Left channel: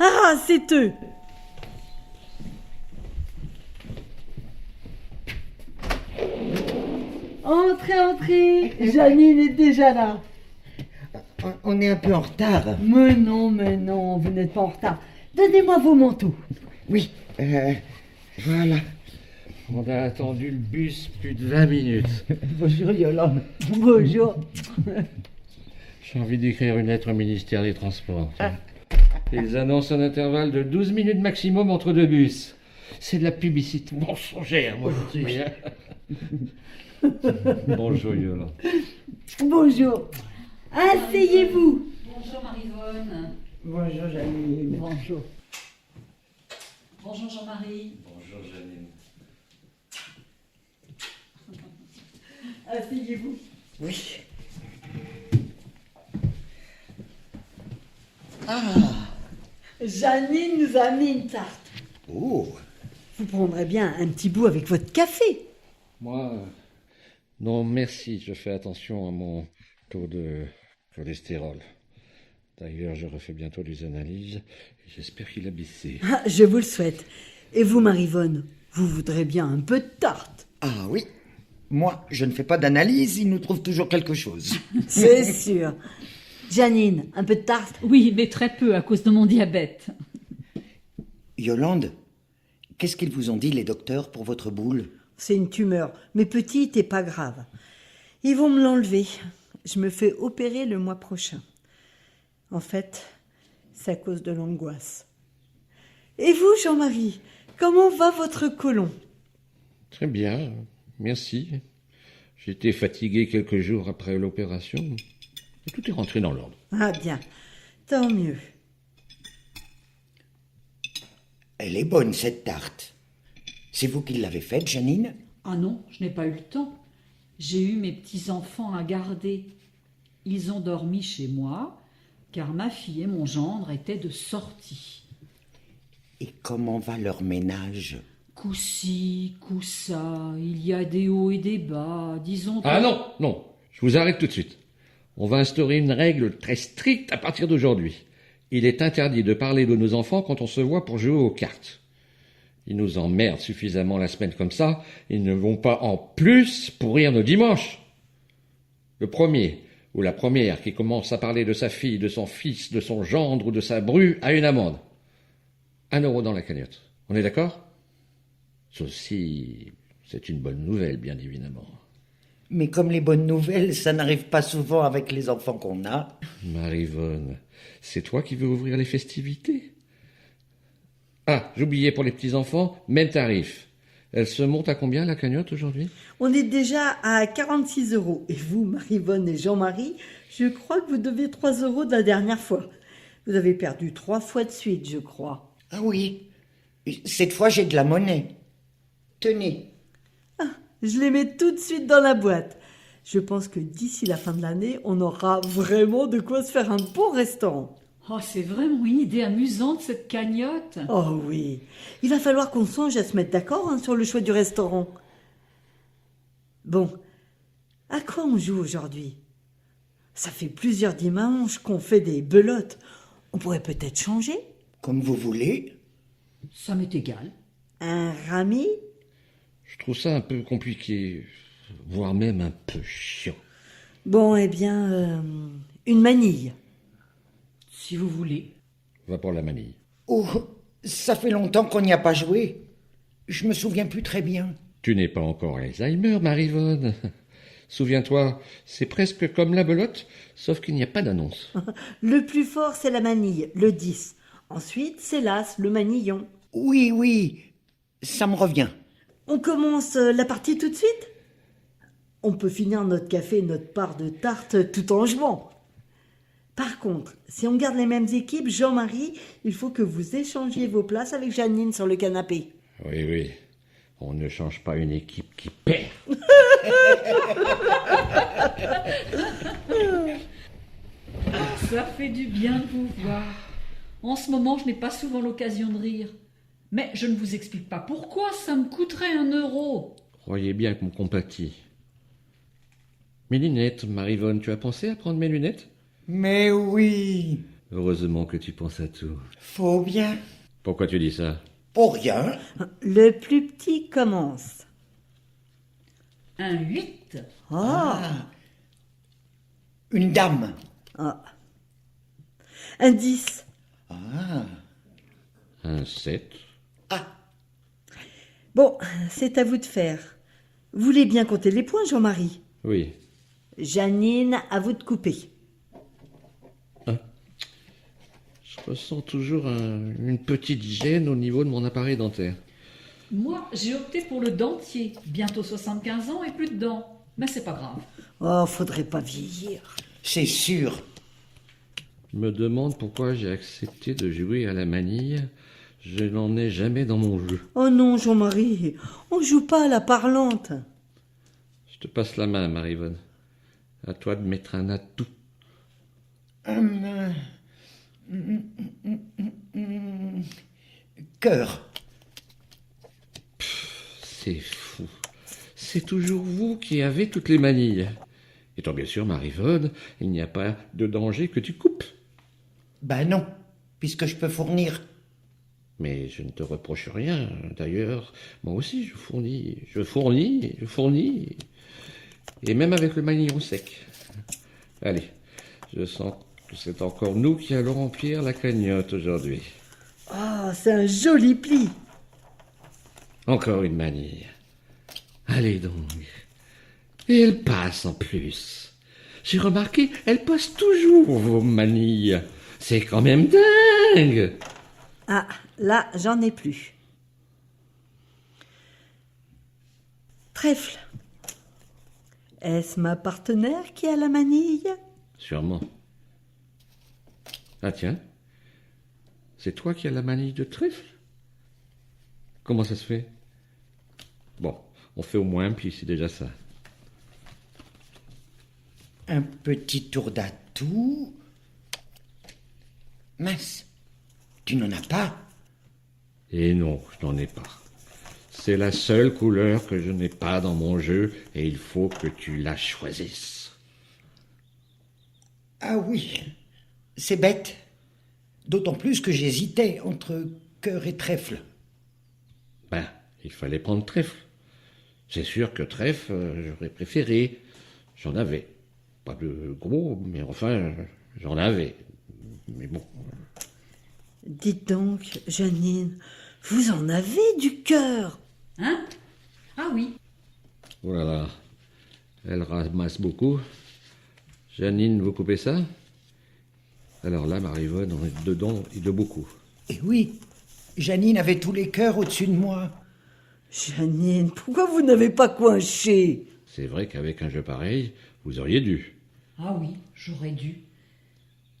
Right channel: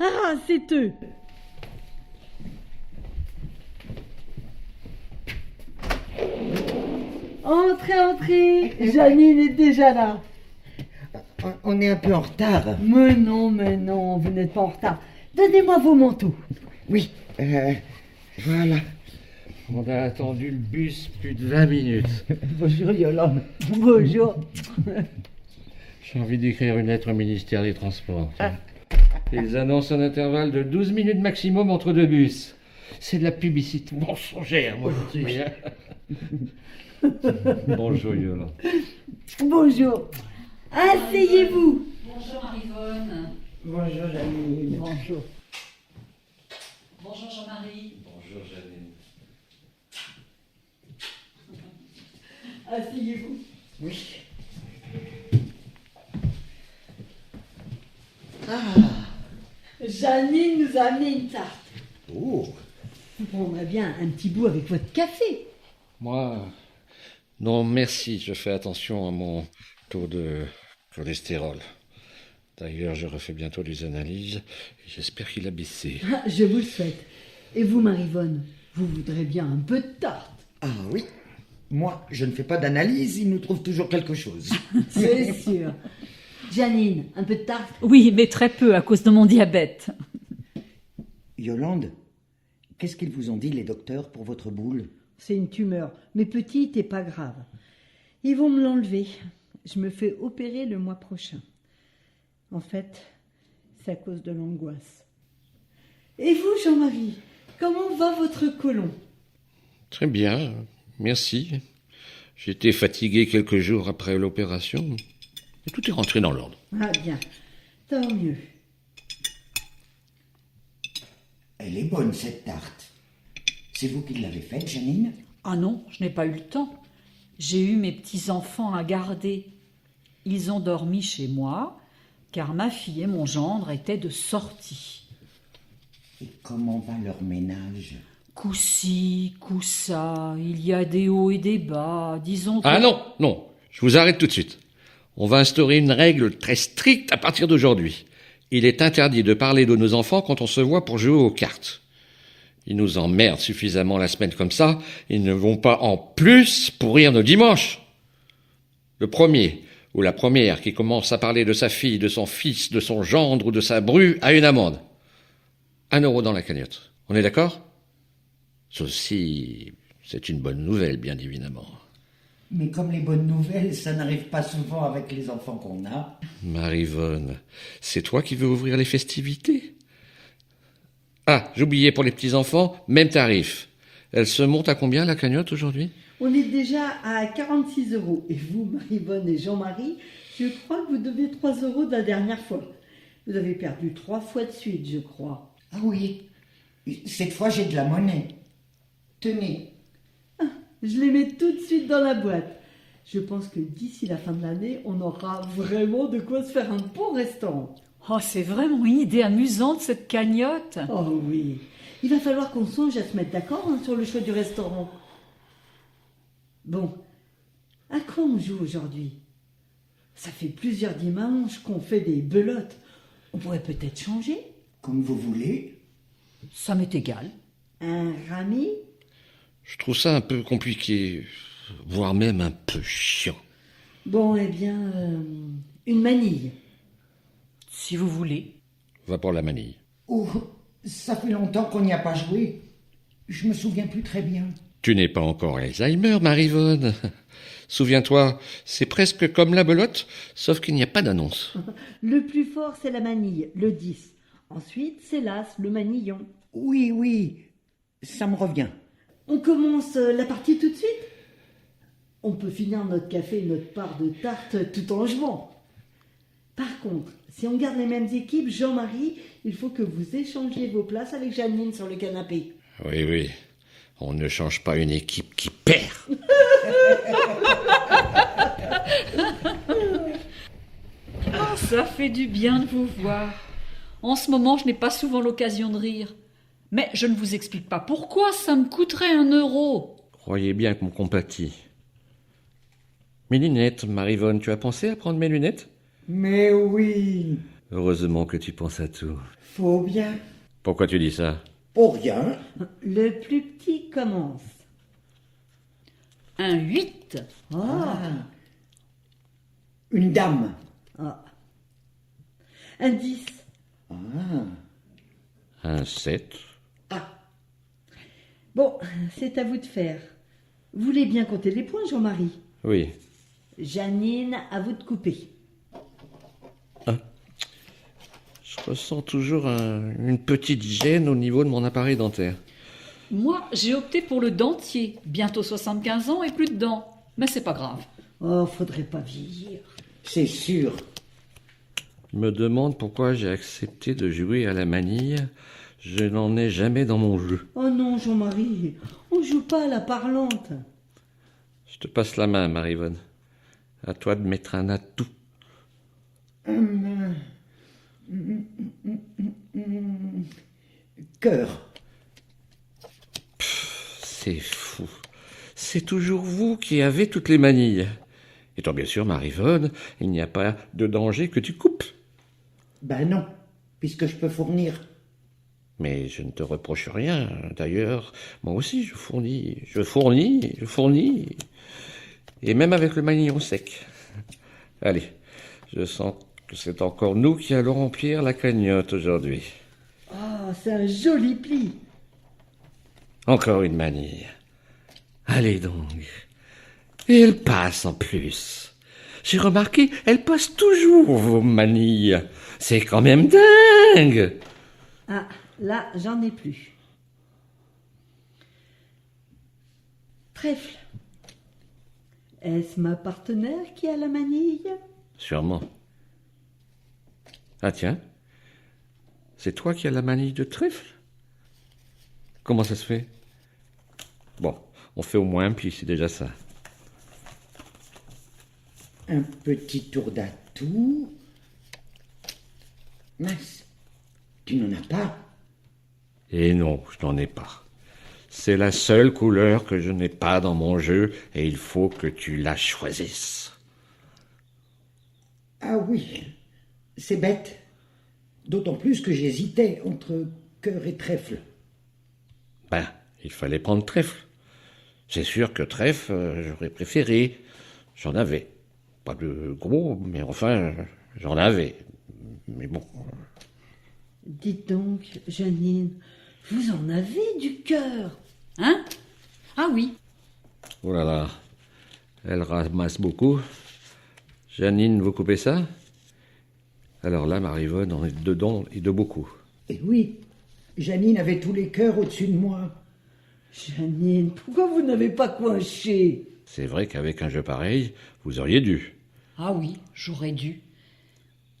Ah, c'est eux. Entrez, entrez. Janine est déjà là. On est un peu en retard. Mais non, vous n'êtes pas en retard. Donnez-moi vos manteaux. Oui, voilà. On a attendu le bus plus de 20 minutes. Bonjour Yolande. Bonjour. J'ai envie d'écrire une lettre au ministère des Transports. tiens. Ils annoncent un intervalle de 12 minutes maximum entre deux bus. C'est de la publicité mensongère, moi je dis. Bonjour Yolande. Bonjour. Asseyez-vous. Bonjour Marivonne. Bonjour Janine. Bonjour. Bonjour Jean-Marie. Bonjour Janine. Asseyez-vous. Oui. Janine nous a mis une tarte. Oh. Vous prendrez bien un petit bout avec votre café. Moi, non merci, je fais attention à mon taux de cholestérol. D'ailleurs, je refais bientôt des analyses et j'espère qu'il a baissé. Ah, je vous le souhaite. Et vous, Marivonne, vous voudrez bien un peu de tarte. Ah oui. Moi, je ne fais pas d'analyse, il nous trouve toujours quelque chose. C'est sûr. Janine, un peu de tarte? Oui, mais très peu à cause de mon diabète. Yolande, qu'est-ce qu'ils vous ont dit les docteurs pour votre boule? C'est une tumeur, mais petite et pas grave. Ils vont me l'enlever. Je me fais opérer le mois prochain. En fait, c'est à cause de l'angoisse. Et vous, Jean-Marie, comment va votre côlon? Très bien, merci. J'étais fatigué quelques jours après l'opération. Et tout est rentré dans l'ordre. Ah bien, tant mieux. Elle est bonne cette tarte. C'est vous qui l'avez faite, Janine? Ah non, je n'ai pas eu le temps. J'ai eu mes petits-enfants à garder. Ils ont dormi chez moi, car ma fille et mon gendre étaient de sortie. Et comment va leur ménage? Coup-ci, coup-ça, il y a des hauts et des bas, disons que... Ah non, je vous arrête tout de suite. On va instaurer une règle très stricte à partir d'aujourd'hui. Il est interdit de parler de nos enfants quand on se voit pour jouer aux cartes. Ils nous emmerdent suffisamment la semaine comme ça, ils ne vont pas en plus pourrir nos dimanches. Le premier ou la première qui commence à parler de sa fille, de son fils, de son gendre ou de sa bru a une amende. 1 euro dans la cagnotte. On est d'accord? Ceci, c'est une bonne nouvelle, bien évidemment. Mais comme les bonnes nouvelles, ça n'arrive pas souvent avec les enfants qu'on a. Marivonne, c'est toi qui veux ouvrir les festivités? Ah, j'oubliais pour les petits-enfants, même tarif. Elle se monte à combien la cagnotte aujourd'hui? On est déjà à 46 euros. Et vous, Marivonne et Jean-Marie, je crois que vous deviez 3 euros de la dernière fois. Vous avez perdu 3 fois de suite, je crois. Ah oui. Cette fois, j'ai de la monnaie. Tenez. Je les mets tout de suite dans la boîte. Je pense que d'ici la fin de l'année, on aura vraiment de quoi se faire un bon restaurant. Oh, c'est vraiment une idée amusante, cette cagnotte. Oh oui, il va falloir qu'on songe à se mettre d'accord sur le choix du restaurant. Bon, à quoi on joue aujourd'hui? Ça fait plusieurs dimanches qu'on fait des belotes. On pourrait peut-être changer? Comme vous voulez. Ça m'est égal. Un rami? Je trouve ça un peu compliqué, voire même un peu chiant. Bon, eh bien, une manille. Si vous voulez. Va pour la manille. Oh, ça fait longtemps qu'on n'y a pas joué. Je me souviens plus très bien. Tu n'es pas encore Alzheimer, Marivonne. Souviens-toi, c'est presque comme la belote, sauf qu'il n'y a pas d'annonce. Le plus fort, c'est la manille, le 10. Ensuite, c'est l'as, le manillon. Oui, ça me revient. On commence la partie tout de suite? On peut finir notre café et notre part de tarte tout en jouant. Par contre, si on garde les mêmes équipes, Jean-Marie, il faut que vous échangiez vos places avec Janine sur le canapé. Oui, on ne change pas une équipe qui perd. Ça fait du bien de vous voir. En ce moment, je n'ai pas souvent l'occasion de rire. Mais je ne vous explique pas pourquoi ça me coûterait 1 euro. Croyez bien qu'on compatit. Mes lunettes, Marivonne, tu as pensé à prendre mes lunettes? Mais oui. Heureusement que tu penses à tout. Faut bien. Pourquoi tu dis ça? Pour rien. Le plus petit commence. Un 8. Ah, Une dame. ah. Un 10. Un 7. Bon, c'est à vous de faire. Vous voulez bien compter les points, Jean-Marie? Oui. Janine, à vous de couper. Je ressens toujours une petite gêne au niveau de mon appareil dentaire. Moi, j'ai opté pour le dentier. Bientôt 75 ans et plus de dents. Mais c'est pas grave. Oh, faudrait pas vieillir. C'est sûr. Je me demande pourquoi j'ai accepté de jouer à la manille. Je n'en ai jamais dans mon jeu. Oh non, Jean-Marie, on joue pas à la parlante. Je te passe la main, Marivonne. À toi de mettre un atout. Cœur. C'est fou. C'est toujours vous qui avez toutes les manilles. Étant bien sûr, Marivonne, il n'y a pas de danger que tu coupes. Ben non, puisque je peux fournir. Mais je ne te reproche rien. D'ailleurs, moi aussi, je fournis. Et même avec le manillon sec. Allez, je sens que c'est encore nous qui allons remplir la cagnotte aujourd'hui. Ah, c'est un joli pli. Encore une manille. Allez donc. Et elle passe en plus. J'ai remarqué, elle passe toujours, vos manilles. C'est quand même dingue. Ah, là, j'en ai plus. Trèfle. Est-ce ma partenaire qui a la manille? Sûrement. Ah tiens, c'est toi qui as la manille de trèfle? Comment ça se fait? Bon, on fait au moins un pli, c'est déjà ça. Un petit tour d'atout. Mince, tu n'en as pas? Et non, je n'en ai pas. C'est la seule couleur que je n'ai pas dans mon jeu et il faut que tu la choisisses. Ah oui, c'est bête. D'autant plus que j'hésitais entre cœur et trèfle. Ben, il fallait prendre trèfle. C'est sûr que trèfle, j'aurais préféré. J'en avais. Pas de gros, mais enfin, j'en avais. Mais bon. Dites donc, Janine, vous en avez du cœur. Hein? Ah oui. Oh là là. Elle ramasse beaucoup. Janine, vous coupez ça? Alors là, Marivonne en est dedans et de beaucoup. Et oui, Janine avait tous les cœurs au-dessus de moi. Janine, pourquoi vous n'avez pas coinché? C'est vrai qu'avec un jeu pareil, vous auriez dû. Ah oui, j'aurais dû.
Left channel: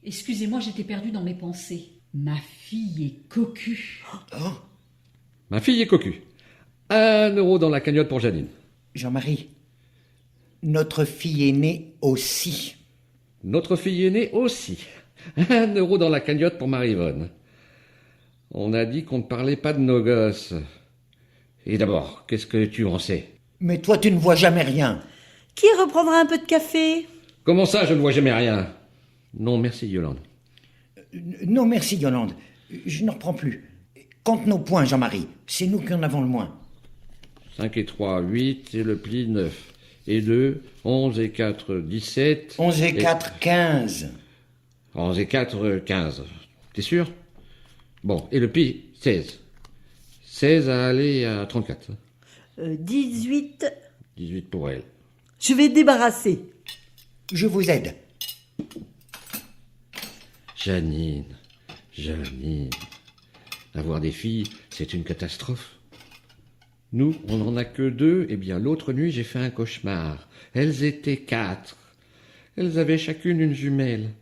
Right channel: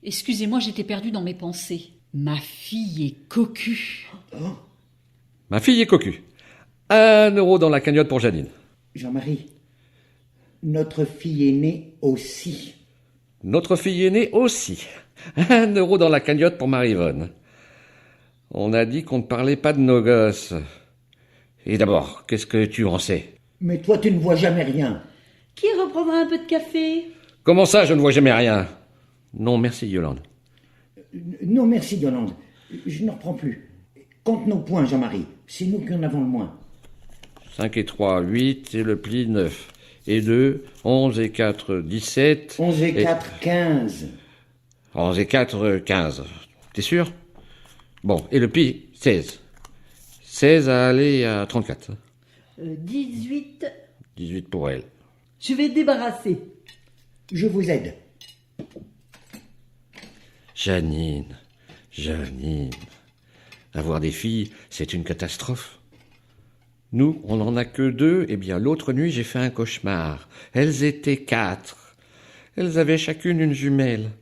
Excusez-moi, j'étais perdue dans mes pensées. Ma fille est cocu. Ma fille est cocu. 1 euro dans la cagnotte pour Janine. Jean-Marie, notre fille aînée aussi. Notre fille aînée aussi. 1 euro dans la cagnotte pour Marivonne. On a dit qu'on ne parlait pas de nos gosses. Et d'abord, qu'est-ce que tu en sais? Mais toi, tu ne vois jamais rien. Qui reprendra un peu de café? Comment ça, je ne vois jamais rien? Non, merci, Yolande. Non, merci, Yolande. Je ne reprends plus. Compte nos points, Jean-Marie. C'est nous qui en avons le moins. 5 et 3, 8, et le pli, 9. Et 2, 11 et 4, 17. 11 et 4, 15. 11 et 4, 15. T'es sûr? Bon, et le pli, 16. 16 à aller à 34. 18. 18 pour elle. Je vais débarrasser. Je vous aide. Janine. Avoir des filles, c'est une catastrophe. Nous, on n'en a que 2, et bien l'autre nuit, j'ai fait un cauchemar. Elles étaient 4. Elles avaient chacune une jumelle.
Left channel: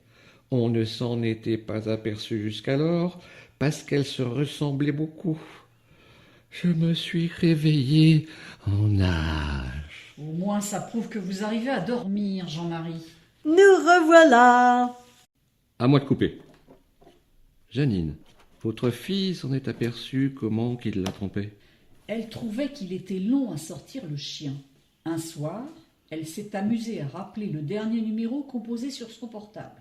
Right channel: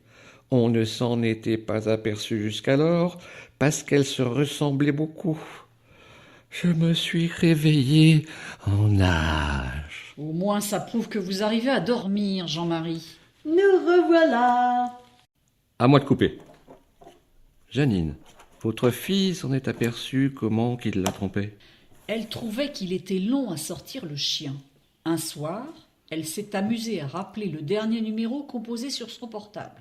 On ne s'en était pas aperçu jusqu'alors, parce qu'elles se ressemblaient beaucoup. Je me suis réveillé en nage. Au moins, ça prouve que vous arrivez à dormir, Jean-Marie. Nous revoilà. À moi de couper. Janine, votre fille s'en est aperçue comment qu'il la trompait? Elle trouvait qu'il était long à sortir le chien. Un soir, elle s'est amusée à rappeler le dernier numéro composé sur son portable.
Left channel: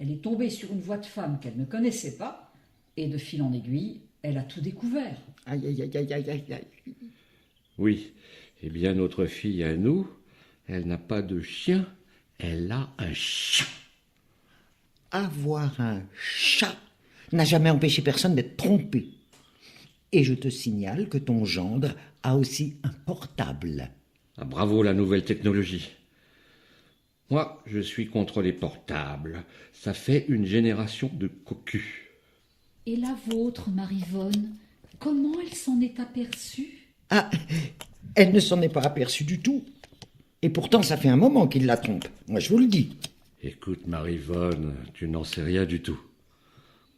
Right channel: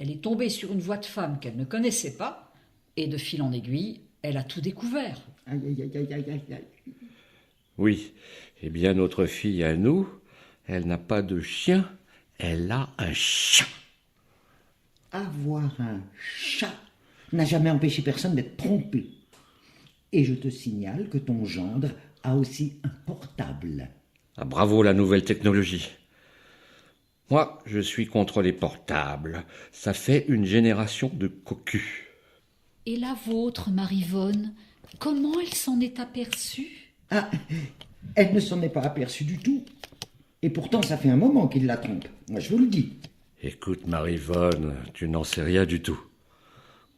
Elle est tombée sur une voix de femme qu'elle ne connaissait pas, et de fil en aiguille, elle a tout découvert. Aïe, aïe, aïe, aïe, aïe, aïe, aïe. Oui. Eh bien, notre fille à nous, elle n'a pas de chien, elle a un chat. Avoir un chat n'a jamais empêché personne d'être trompé. Et je te signale que ton gendre a aussi un portable. Ah, bravo la nouvelle technologie. Moi, je suis contre les portables. Ça fait une génération de cocus. Et la vôtre, Marivonne, comment elle s'en est aperçue? Ah, elle ne s'en est pas aperçue du tout. Et pourtant, ça fait un moment qu'il la trompe. Moi, je vous le dis. Écoute, Marivonne, tu n'en sais rien du tout.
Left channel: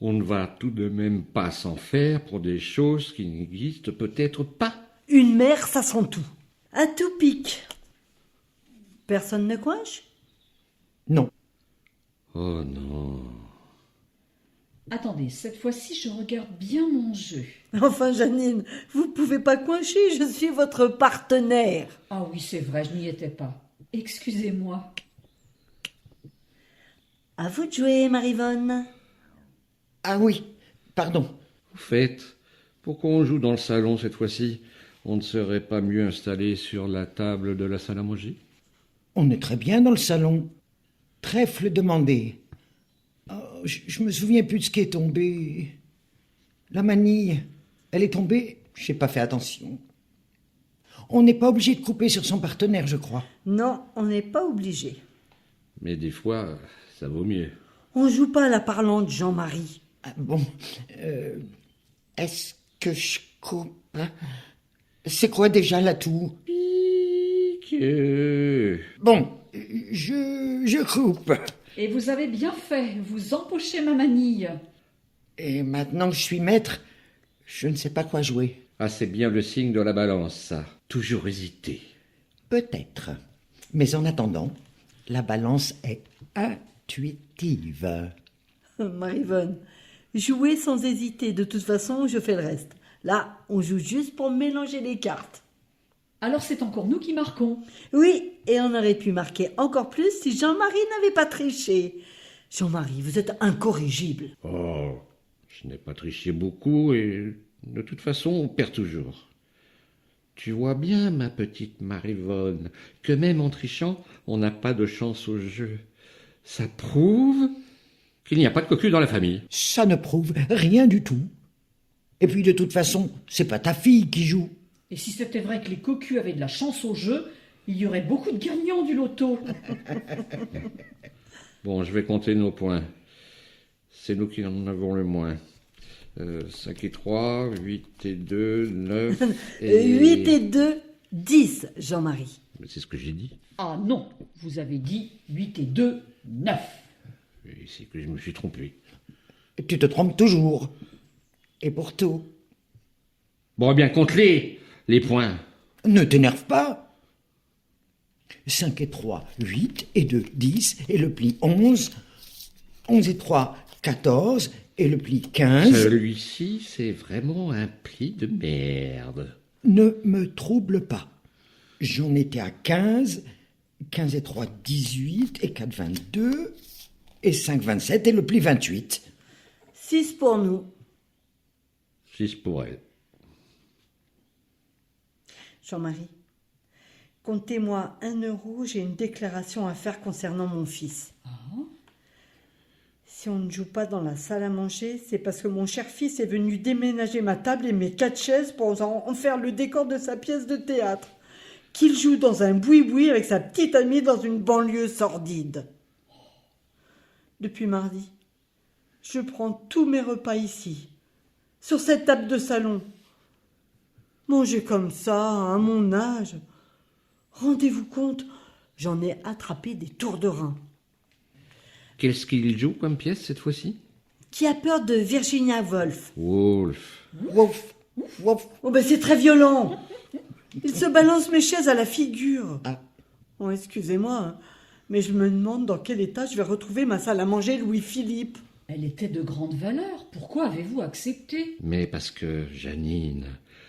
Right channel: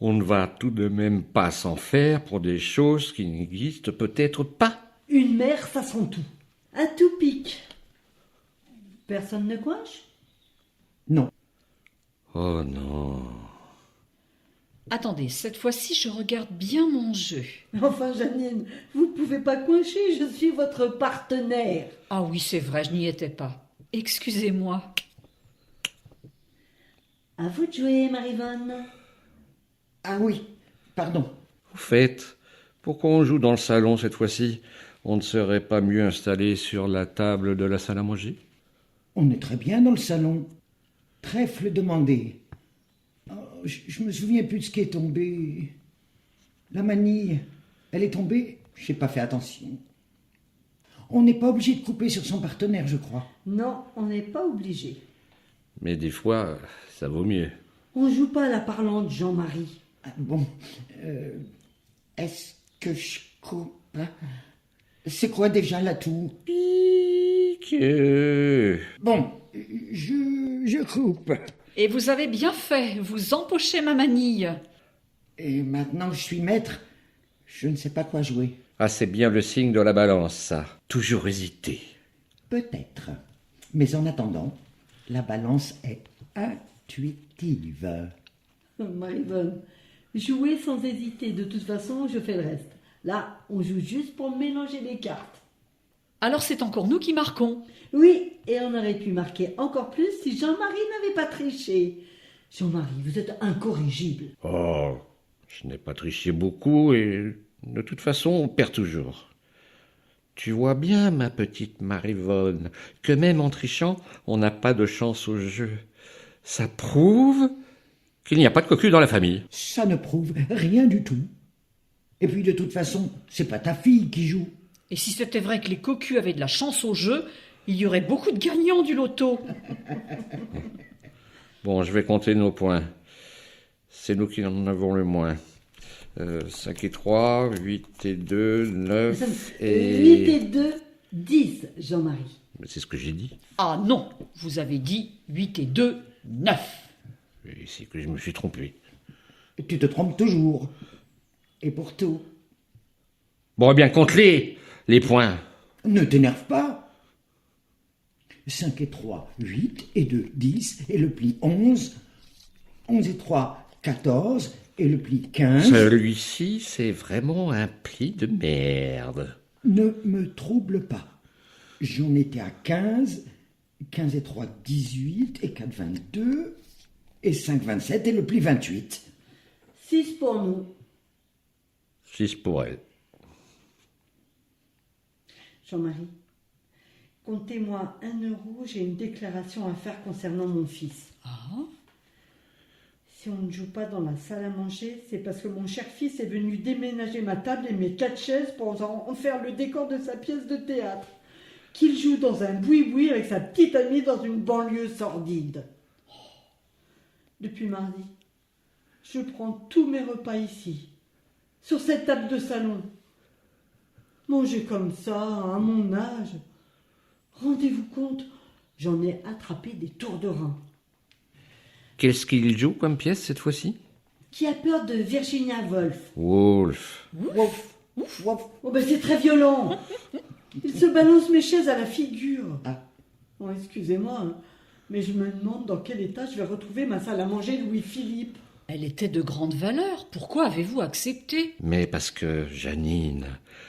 On ne va tout de même pas s'en faire pour des choses qui n'existent peut-être pas. Une mère, ça sent tout. À tout pic. Personne ne coince? Non. Oh non. Attendez, cette fois-ci, je regarde bien mon jeu. Enfin, Janine, vous pouvez pas coincer, je suis votre partenaire. Ah oui, c'est vrai, je n'y étais pas. Excusez-moi. À vous de jouer, Marivonne. Ah oui, pardon. Au fait, pourquoi on joue dans le salon cette fois-ci? On ne serait pas mieux installé sur la table de la salle à manger? On est très bien dans le salon. Trèfle demandé. Oh, je me souviens plus de ce qui est tombé. La manille, elle est tombée? J'ai pas fait attention. On n'est pas obligé de couper sur son partenaire, je crois. Non, on n'est pas obligé. Mais des fois, ça vaut mieux. On joue pas à la parlante, Jean-Marie. Ah, bon, est-ce que je coupe? C'est quoi déjà l'atout? Pique. Bon, je coupe. Et vous avez bien fait, vous empochez ma manille. Et maintenant que je suis maître, je ne sais pas quoi jouer. Ah, c'est bien le signe de la balance, ça. Toujours hésiter. Peut-être. Mais en attendant, la balance est intuitive. Marivonne, jouez sans hésiter. De toute façon, je fais le reste. Là, on joue juste pour mélanger les cartes. Alors c'est encore nous qui marquons. Oui, et on aurait pu marquer encore plus si Jean-Marie n'avait pas triché. Jean-Marie, vous êtes incorrigible. Oh, je n'ai pas triché beaucoup et de toute façon, on perd toujours. Tu vois bien, ma petite Marivonne, que même en trichant, on n'a pas de chance au jeu. Ça prouve qu'il n'y a pas de cocu dans la famille. Ça ne prouve rien du tout. Et puis de toute façon, c'est pas ta fille qui joue. Et si c'était vrai que les cocus avaient de la chance au jeu, il y aurait beaucoup de gagnants du loto. Bon, je vais compter nos points. C'est nous qui en avons le moins. 5 et 3, 8 et 2, 9 et... 8 et 2, 10, Jean-Marie. Mais c'est ce que j'ai dit. Ah non, vous avez dit 8 et 2, 9. Et c'est que je me suis trompé. Tu te trompes toujours. Et pour tout. Bon, eh bien, compte-les points. Ne t'énerve pas. 5 et 3, 8 et 2, 10 et le pli 11. 11 et 3, 14 et le pli 15. Celui-ci, c'est vraiment un pli de merde. Ne me trouble pas. J'en étais à 15. 15 et 3, 18 et 4, 22 et 5, 27 et le pli 28. 6 pour nous. 6 pour elle. Jean-Marie, comptez-moi 1 euro, j'ai une déclaration à faire concernant mon fils. Si on ne joue pas dans la salle à manger, c'est parce que mon cher fils est venu déménager ma table et mes 4 chaises pour en faire le décor de sa pièce de théâtre. Qu'il joue dans un boui-boui avec sa petite amie dans une banlieue sordide. Depuis mardi, je prends tous mes repas ici, sur cette table de salon. Manger comme ça, à mon âge. Rendez-vous compte, j'en ai attrapé des tours de rein. Qu'est-ce qu'il joue comme pièce cette fois-ci? Qui a peur de Virginia Woolf? Wolf. Wouf, wouf. Oh ben c'est très violent. Il se balance mes chaises à la figure. Ah. Oh, excusez-moi, hein, mais je me demande dans quel état je vais retrouver ma salle à manger Louis-Philippe. Elle était de grande valeur. Pourquoi avez-vous accepté? Mais parce que, Janine,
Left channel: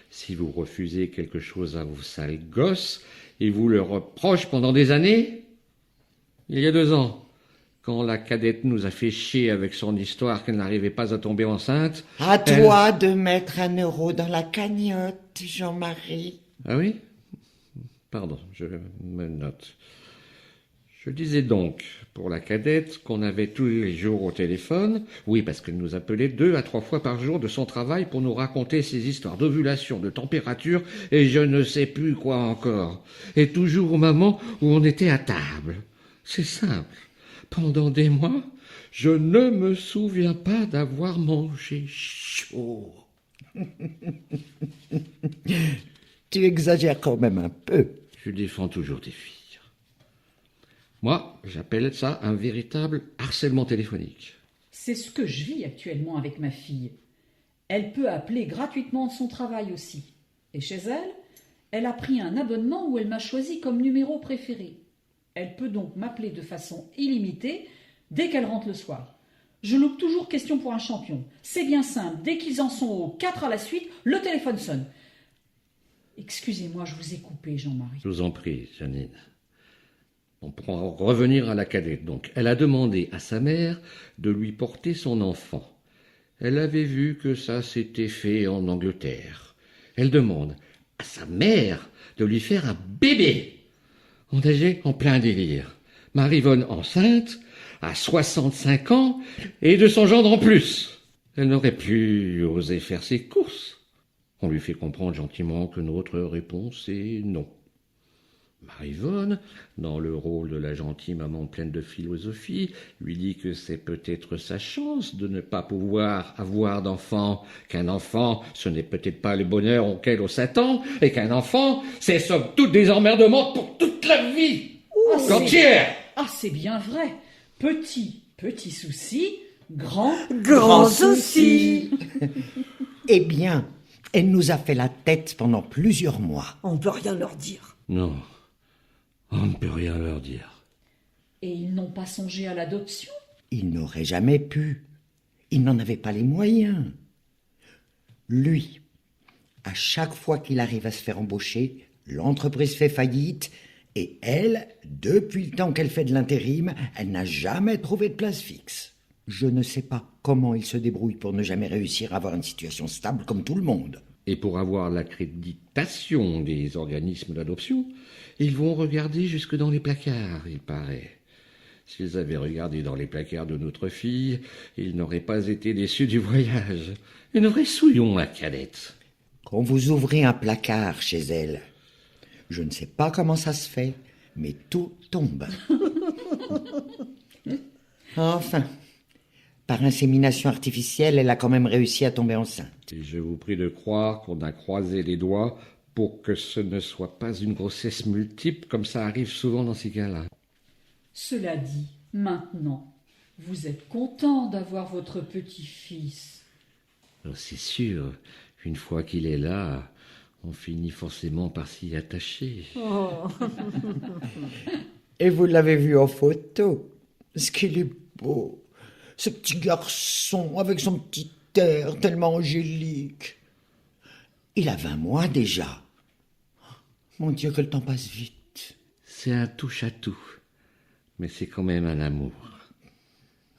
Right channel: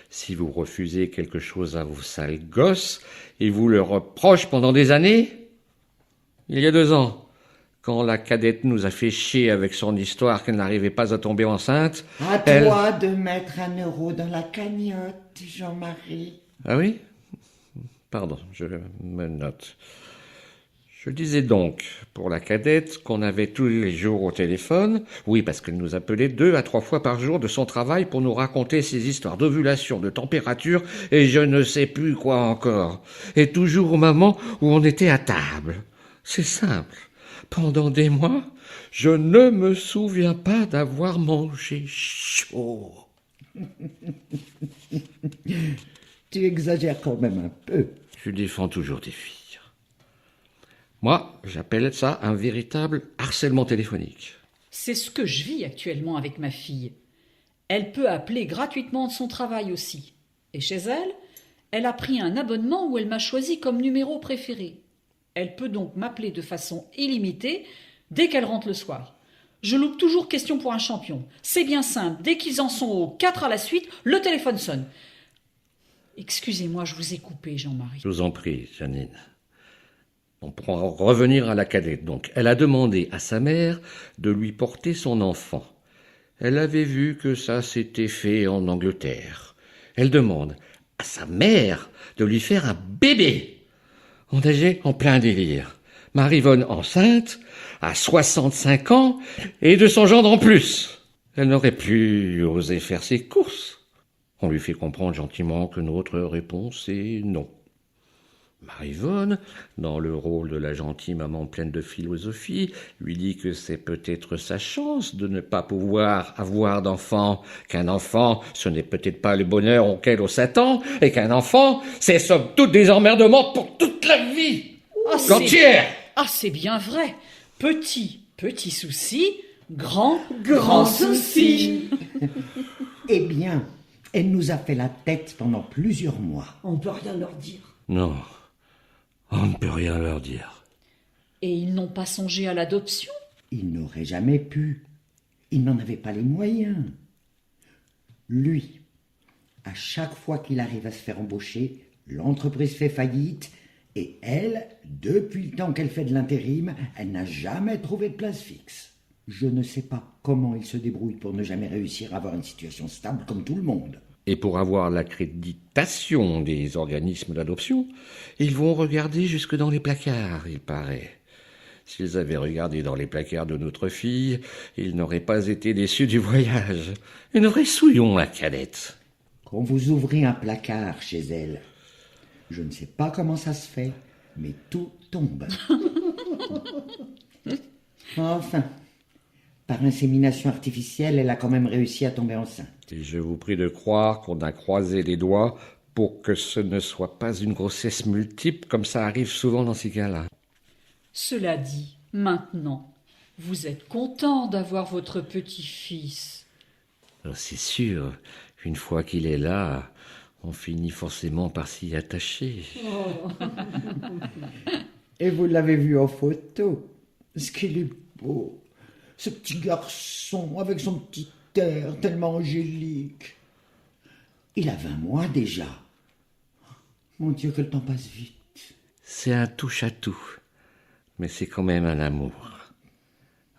si vous refusez quelque chose à vos sales gosses et vous le reprochez pendant des années, il y a 2 ans, Quand la cadette nous a fait chier avec son histoire qu'elle n'arrivait pas à tomber enceinte... À toi de mettre 1 euro dans la cagnotte, Jean-Marie. Ah oui? Pardon, je me note. Je disais donc, pour la cadette, qu'on avait tous les jours au téléphone, oui, parce qu'elle nous appelait 2 à 3 fois par jour de son travail pour nous raconter ses histoires d'ovulation, de température, et je ne sais plus quoi encore. Et toujours au moment où on était à table. C'est simple. Pendant des mois, je ne me souviens pas d'avoir mangé chaud. Tu exagères quand même un peu. Je défends toujours des filles. Moi, j'appelle ça un véritable harcèlement téléphonique. C'est ce que je vis actuellement avec ma fille. Elle peut appeler gratuitement de son travail aussi. Et chez elle, elle a pris un abonnement où elle m'a choisi comme numéro préféré. Elle peut donc m'appeler de façon illimitée dès qu'elle rentre le soir. Je loupe toujours question pour un champion. C'est bien simple, dès qu'ils en sont aux 4 à la suite, le téléphone sonne. Excusez-moi, je vous ai coupé, Jean-Marie. Je vous en prie, Janine. On pourra revenir à la cadette, donc. Elle a demandé à sa mère de lui porter son enfant. Elle avait vu que ça s'était fait en Angleterre. Elle demande à sa mère de lui faire un bébé. On nageait en plein délire. Marivonne enceinte, à 65 ans, et de son gendre en plus. Elle n'aurait plus osé faire ses courses. On lui fait comprendre gentiment que notre réponse est non. Marivonne, dans le rôle de la gentille maman pleine de philosophie, lui dit que c'est peut-être sa chance de ne pas pouvoir avoir d'enfant, qu'un enfant, ce n'est peut-être pas le bonheur auquel on s'attend, et qu'un enfant, c'est somme toute des emmerdements pour toute la vie entière. C'est bien vrai. Petit souci, grand souci. Eh bien, elle nous a fait la tête pendant plusieurs mois. On ne peut rien leur dire. Non, on ne peut rien leur dire. Et ils n'ont pas songé à l'adoption? Il n'aurait jamais pu. Il n'en avait pas les moyens. Lui, à chaque fois qu'il arrive à se faire embaucher, l'entreprise fait faillite et elle, depuis le temps qu'elle fait de l'intérim, elle n'a jamais trouvé de place fixe. Je ne sais pas comment il se débrouille pour ne jamais réussir à avoir une situation stable comme tout le monde. Et pour avoir l'accréditation des organismes d'adoption, ils vont regarder jusque dans les placards, il paraît. S'ils avaient regardé dans les placards de notre fille, ils n'auraient pas été déçus du voyage. Et nous ressouillons la cadette. Quand vous ouvrez un placard chez elle, je ne sais pas comment ça se fait, mais tout tombe. Enfin, par insémination artificielle, elle a quand même réussi à tomber enceinte. Et je vous prie de croire qu'on a croisé les doigts pour que ce ne soit pas une grossesse multiple, comme ça arrive souvent dans ces cas-là. Cela dit, maintenant, vous êtes content d'avoir votre petit-fils. C'est sûr, une fois qu'il est là, on finit forcément par s'y attacher. Et vous l'avez vu en photo. Ce qu'il est beau. Ce petit garçon avec son petit air tellement angélique. Il a 20 mois déjà. Mon Dieu, que le temps passe vite. C'est un touche-à-tout, mais c'est quand même un amour.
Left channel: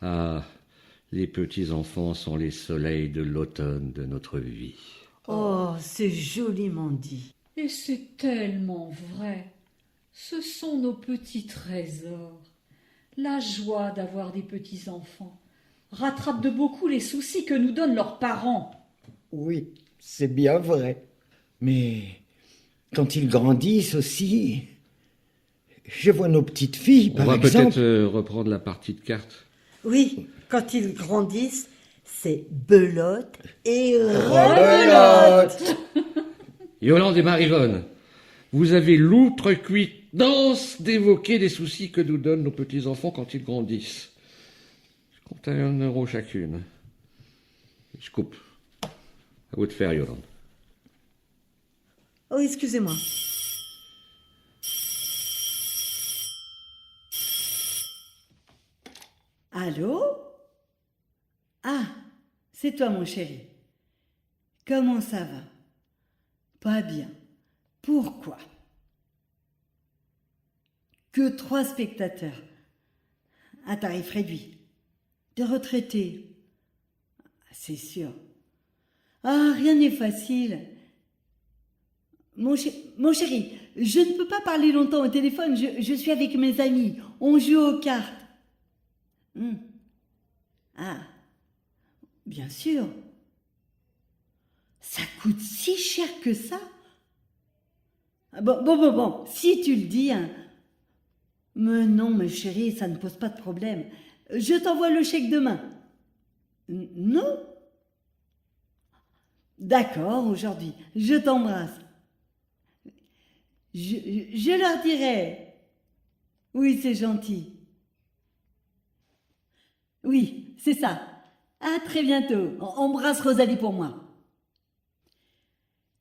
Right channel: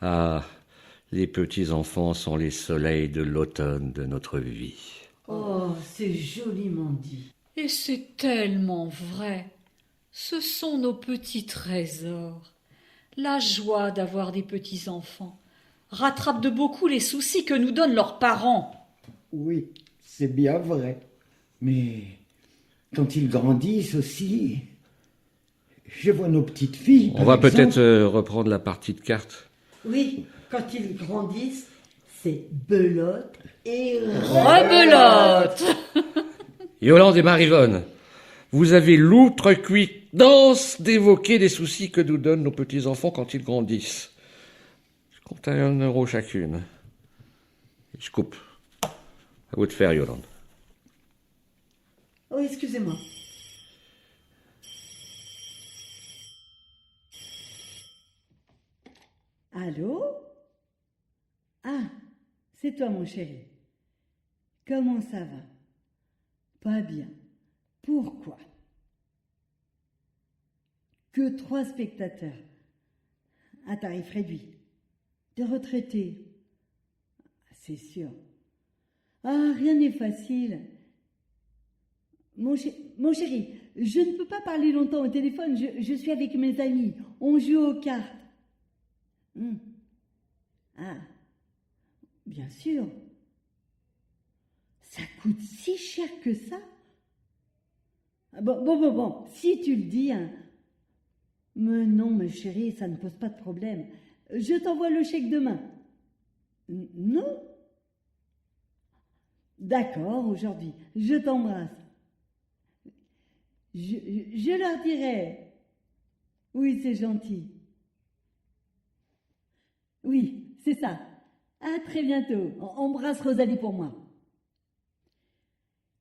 Ah, les petits-enfants sont les soleils de l'automne de notre vie. Oh, c'est joliment dit. Et c'est tellement vrai. Ce sont nos petits trésors. La joie d'avoir des petits-enfants rattrape de beaucoup les soucis que nous donnent leurs parents. Oui, c'est bien vrai. Mais quand ils grandissent aussi, je vois nos petites filles, On par va exemple. peut-être reprendre la partie de cartes. Oui, quand ils grandissent, c'est belote et Rebelote. Yolande et Marivonne, vous avez l'outrecuidance d'évoquer les soucis que nous donnent nos petits-enfants quand ils grandissent. Je compte à 1 euro chacune. Je coupe. À vous de faire, Yolande. Oh, excusez-moi. Allô? Ah, c'est toi, mon chéri. Comment ça va? Pas bien. Pourquoi? Que 3 spectateurs. un tarif réduit. Des retraités. C'est sûr. Ah, rien n'est facile. Mon chéri, je ne peux pas parler longtemps au téléphone, je suis avec mes amis, on joue aux cartes. Ah, bien sûr. Ça coûte si cher que ça? Bon, si tu le dis, hein. Mais non, mes chéris, ça ne pose pas de problème. Je t'envoie le chèque demain. Non? D'accord, aujourd'hui, je t'embrasse. Je leur dirai. Oui, c'est gentil. Oui, c'est ça. À très bientôt. Embrasse Rosalie pour moi.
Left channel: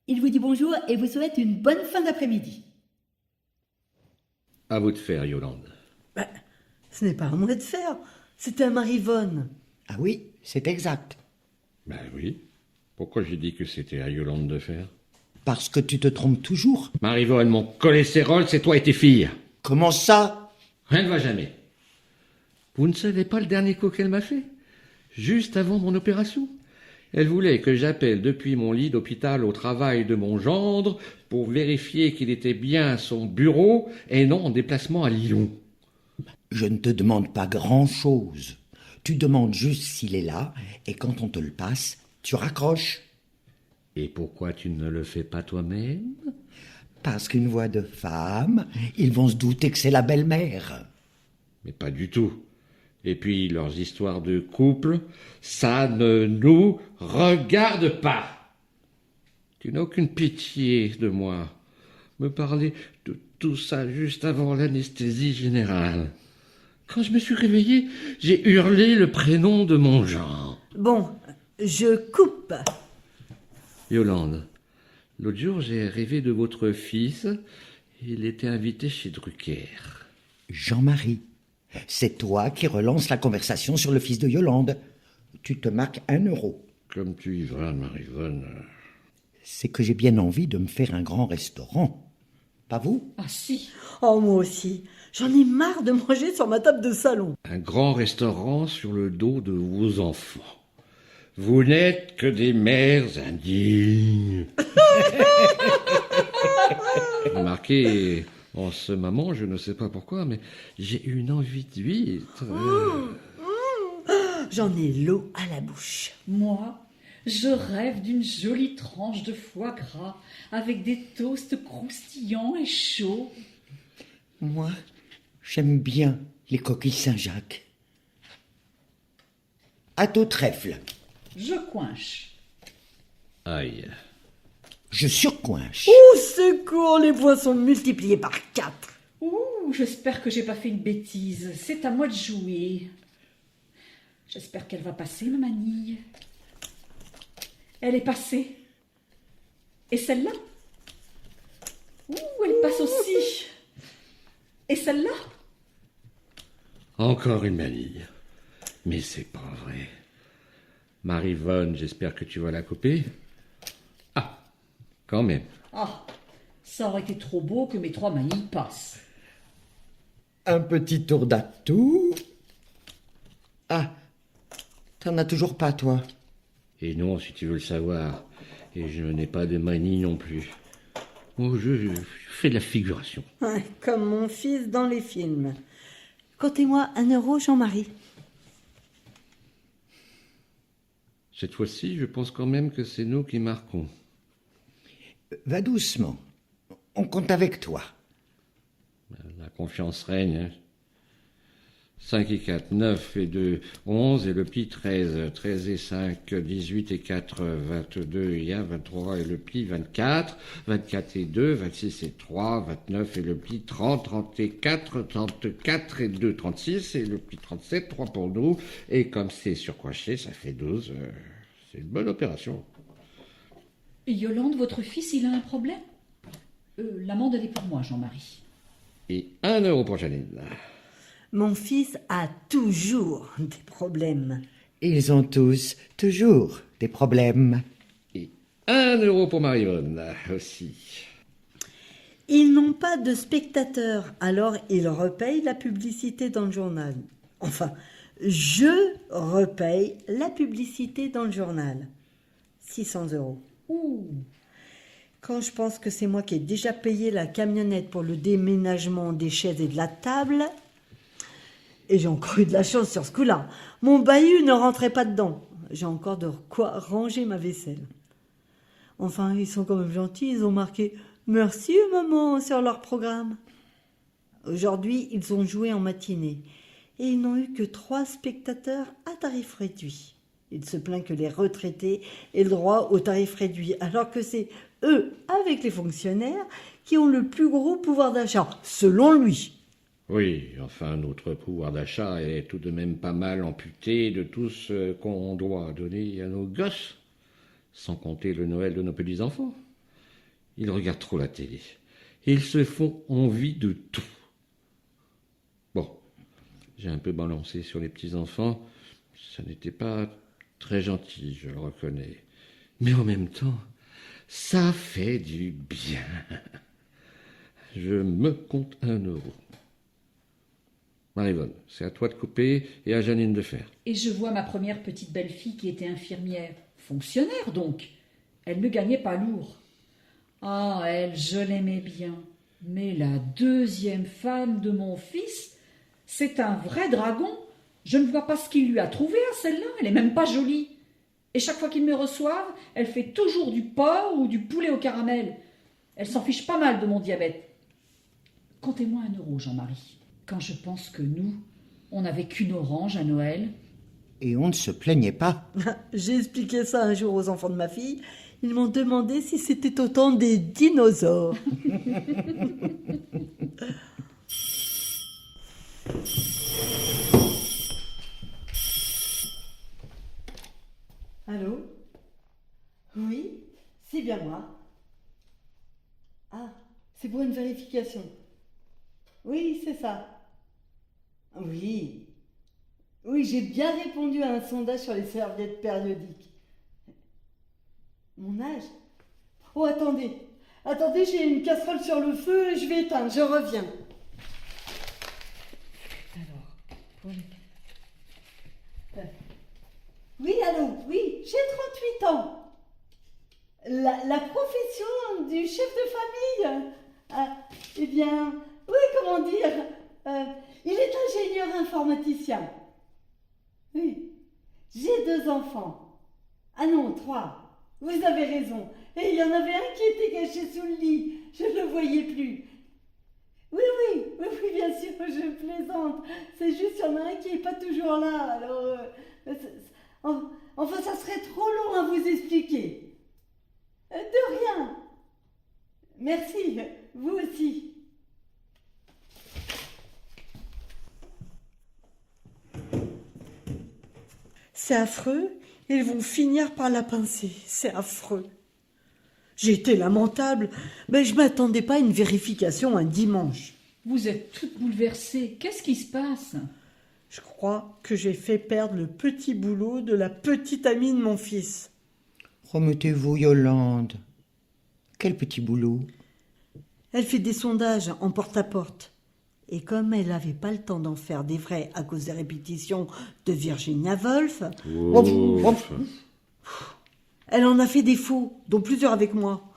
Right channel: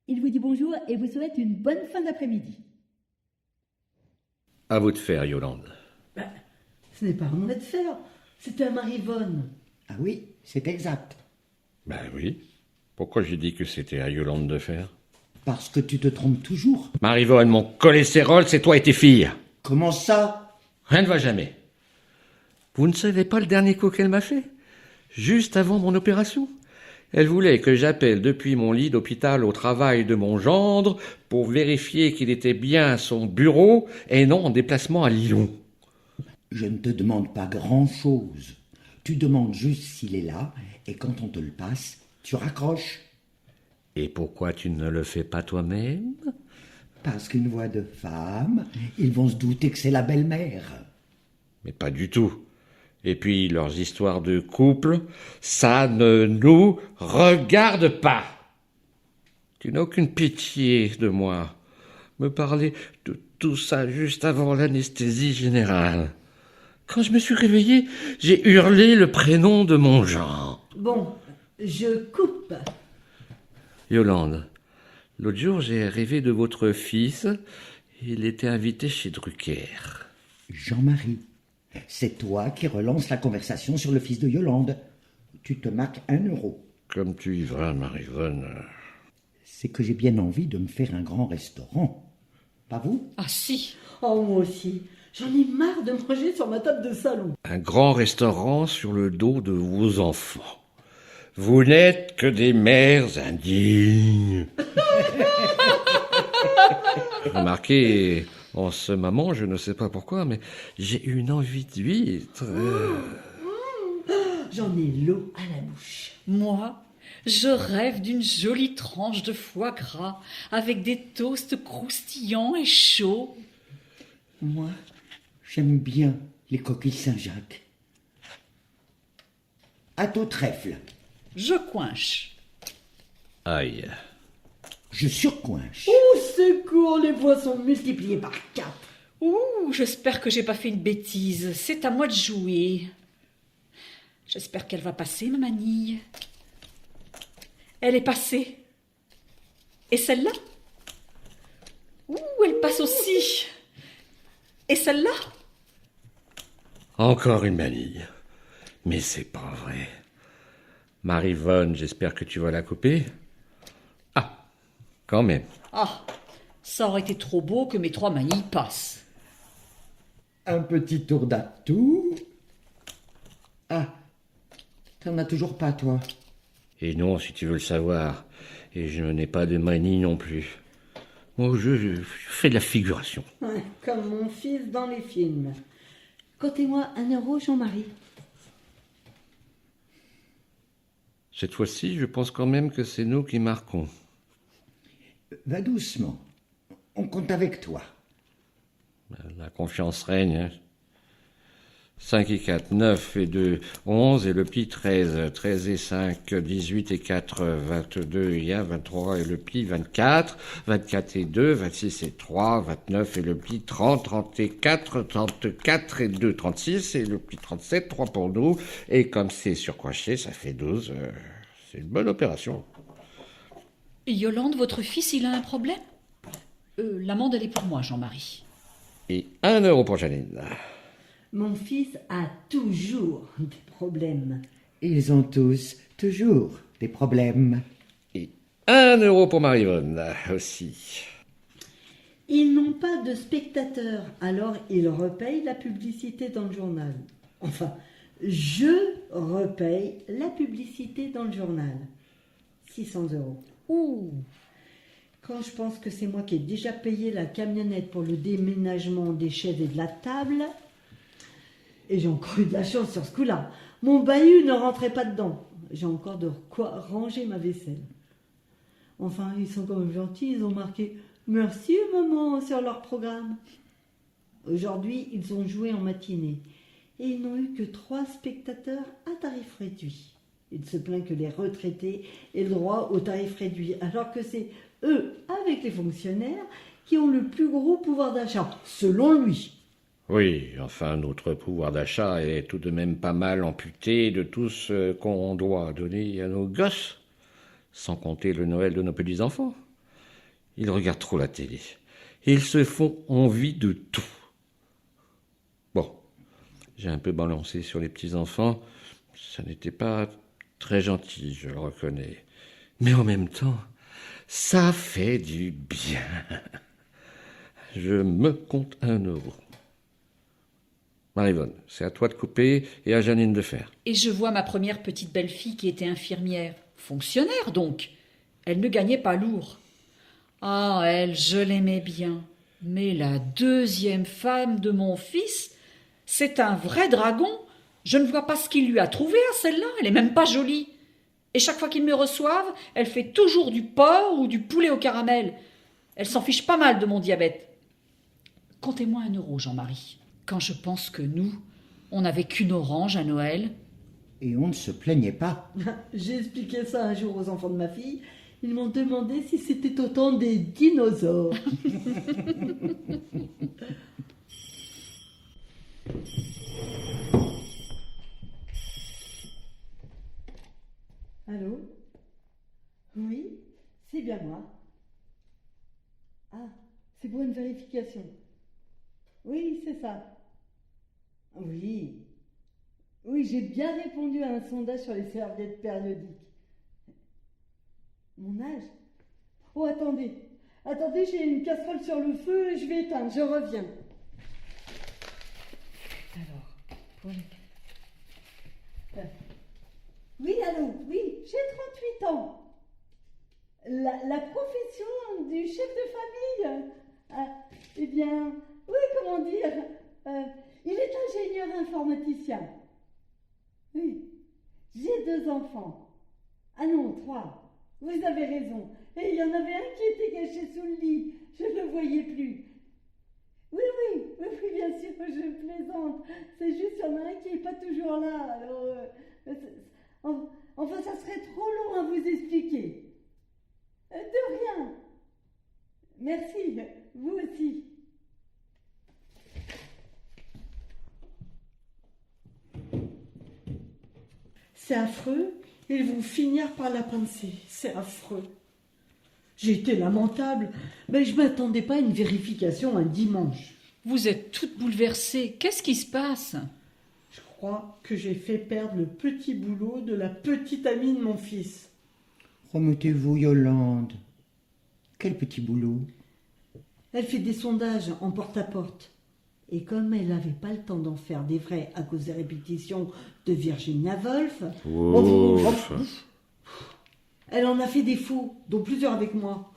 Il vous dit bonjour et vous souhaite une bonne fin d'après-midi. À vous de faire, Yolande. Ce n'est pas à moi de faire, c'est à Marivonne. Ah oui, c'est exact. Ben oui. Pourquoi j'ai dit que c'était à Yolande de faire? Parce que tu te trompes toujours. Marivonne, mon cholestérol, c'est toi et tes filles. Comment ça? Rien ne va jamais. Vous ne savez pas le dernier coup qu'elle m'a fait? Juste avant mon opération. Elle voulait que j'appelle depuis mon lit d'hôpital au travail de mon gendre pour vérifier qu'il était bien à son bureau et non en déplacement à Lyon. Je ne te demande pas grand-chose. Tu demandes juste s'il est là, et quand on te le passe, tu raccroches. Et pourquoi tu ne le fais pas toi-même? Parce qu'une voix de femme, ils vont se douter que c'est la belle-mère. Mais pas du tout. Et puis leurs histoires de couple, ça ne nous regarde pas. Tu n'as aucune pitié de moi. Me parler de tout ça juste avant l'anesthésie générale. Quand je me suis réveillé, j'ai hurlé le prénom de mon genre. Bon, je coupe. Yolande, l'autre jour j'ai rêvé de votre fils. Il était invité chez Drucker. Jean-Marie, c'est toi qui relance la conversation sur le fils de Yolande. Tu te marques 1 euro. Comme tu y vas, Marivonne. C'est que j'ai bien envie de me faire un grand restaurant. Pas vous? Ah si. Oh, moi aussi. J'en ai marre de manger sur ma table de salon. Un grand restaurant sur le dos de vos enfants. Vous n'êtes que des mères indignes. Remarquez, en ce moment, je ne sais pas pourquoi, mais j'ai une envie d'huître. J'en ai l'eau à la bouche. Moi, je rêve d'une jolie tranche de foie gras avec des toasts croustillants et chauds. Moi, j'aime bien les coquilles Saint-Jacques. À tout trèfle. Je coinche. Aïe. Je surcoinche. Au secours, les poissons multipliés par 4. Ouh, j'espère que j'ai pas fait une bêtise. C'est à moi de jouer. J'espère qu'elle va passer, ma manille. Elle est passée. Et celle-là? Ouh, elle passe aussi. Et celle-là? Encore une manille. Mais c'est pas vrai. Marivonne, j'espère que tu vas la couper. Ah, quand même. Ah, ça aurait été trop beau que mes 3 manilles passent. Un petit tour d'atout. Ah, t'en as toujours pas, toi? Et non, si tu veux le savoir. Et je n'ai pas de manille non plus. Oh, je fais de la figuration. Ouais, comme mon fils dans les films. Comptez-moi 1 euro, Jean-Marie. Cette fois-ci, je pense quand même que c'est nous qui marquons. Va doucement. On compte avec toi. La confiance règne. Hein. 5 et 4, 9 et 2, 11 et le pli 13. 13 et 5, 18 et 4, 22 et 1, 23 et le pli 24. 24 et 2, 26 et 3, 29 et le pli 30, 34, 34 et 2, 36 et le pli 37, 3 pour nous. Et comme c'est surcoinché, ça fait 12. C'est une bonne opération. Yolande, votre fils, il a un problème? L'amende, elle est pour moi, Jean-Marie. Et 1 euro pour Janine. Mon fils a toujours des problèmes. Ils ont tous, toujours, des problèmes. Et 1 euro pour Marivonne aussi. Ils n'ont pas de spectateurs, alors ils repayent la publicité dans le journal. Enfin, je repaye la publicité dans le journal. 600 €. Ouh, Quand je pense que c'est moi qui ai déjà payé la camionnette pour le déménagement des chaises et de la table, et j'ai encore eu de la chance sur ce coup-là, mon bahut ne rentrait pas dedans. J'ai encore de quoi ranger ma vaisselle. Enfin, ils sont quand même gentils, ils ont marqué « Merci maman » sur leur programme. Aujourd'hui, ils ont joué en matinée et ils n'ont eu que 3 spectateurs à tarif réduit. Il se plaint que les retraités aient le droit au tarif réduit, alors que c'est eux, avec les fonctionnaires, qui ont le plus gros pouvoir d'achat, selon lui. Oui, enfin, notre pouvoir d'achat est tout de même pas mal amputé de tout ce qu'on doit donner à nos gosses, sans compter le Noël de nos petits-enfants. Ils regardent trop la télé. Ils se font envie de tout. Bon, j'ai un peu balancé sur les petits-enfants. Ça n'était pas très gentil, je le reconnais. Mais en même temps, ça fait du bien. Je me compte 1 €. Marivonne, c'est à toi de couper et à Janine de faire. et je vois ma première petite belle-fille qui était infirmière. Fonctionnaire donc. Elle ne gagnait pas lourd. Ah, elle, je l'aimais bien. Mais la deuxième femme de mon fils, c'est un vrai dragon. Je ne vois pas ce qu'il lui a trouvé à celle-là. Elle est même pas jolie. Et chaque fois qu'ils me reçoivent, elle fait toujours du porc ou du poulet au caramel. Elle s'en fiche pas mal de mon diabète. Comptez-moi 1 € Jean-Marie. Quand je pense que nous, on n'avait qu'une orange à Noël. Et on ne se plaignait pas. J'ai expliqué ça un jour aux enfants de ma fille. Ils m'ont demandé si c'était autant des dinosaures. Allô? Oui, c'est bien moi. Ah, c'est pour une vérification. Oui, c'est ça. Oui. Oui, j'ai bien répondu à un sondage sur les serviettes périodiques. Mon âge? Oh, attendez. Attendez, j'ai une casserole sur le feu et je vais éteindre. Je reviens. Alors, pour les... Oui, allô? Oui, j'ai 38 ans. La profession du chef de famille? Eh bien, oui, comment dire? Il est ingénieur informaticien. Oui, j'ai 2 enfants. Ah non, 3. Vous avez raison. Et il y en avait un qui était caché sous le lit. Je ne le voyais plus. Oui, bien sûr, je plaisante. C'est juste qu'il y en a un qui n'est pas toujours là. Alors, enfin, ça serait trop long à vous expliquer. De rien. Merci, vous aussi. C'est affreux, ils vont finir par la pincer. C'est affreux. J'ai été lamentable, mais je ne m'attendais pas à une vérification un dimanche. Vous êtes toute bouleversée. Qu'est-ce qui se passe? Je crois que j'ai fait perdre le petit boulot de la petite amie de mon fils. Remettez-vous, Yolande. Quel petit boulot. Elle fait des sondages en porte-à-porte. Et comme elle n'avait pas le temps d'en faire des vrais à cause des répétitions de Virginia Woolf, elle en a fait des faux, dont plusieurs avec moi.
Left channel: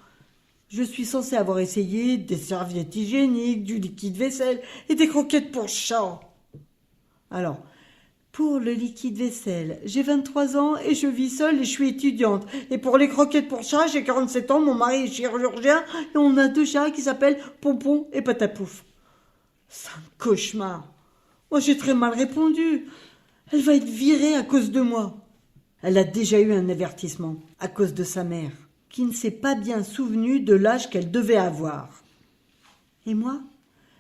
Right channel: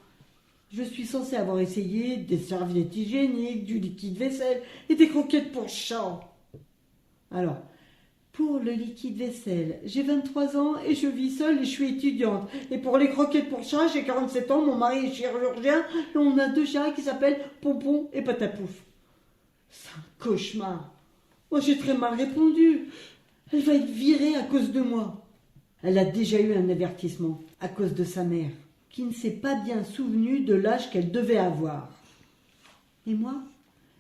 Je suis censée avoir essayé des serviettes hygiéniques, du liquide vaisselle et des croquettes pour chat. Alors, pour le liquide vaisselle, j'ai 23 ans et je vis seule et je suis étudiante. Et pour les croquettes pour chat, j'ai 47 ans, mon mari est chirurgien et on a 2 chats qui s'appellent Pompon et Patapouf. C'est un cauchemar. Moi, j'ai très mal répondu. Elle va être virée à cause de moi. Elle a déjà eu un avertissement à cause de sa mère, qui ne s'est pas bien souvenue de l'âge qu'elle devait avoir. Et moi,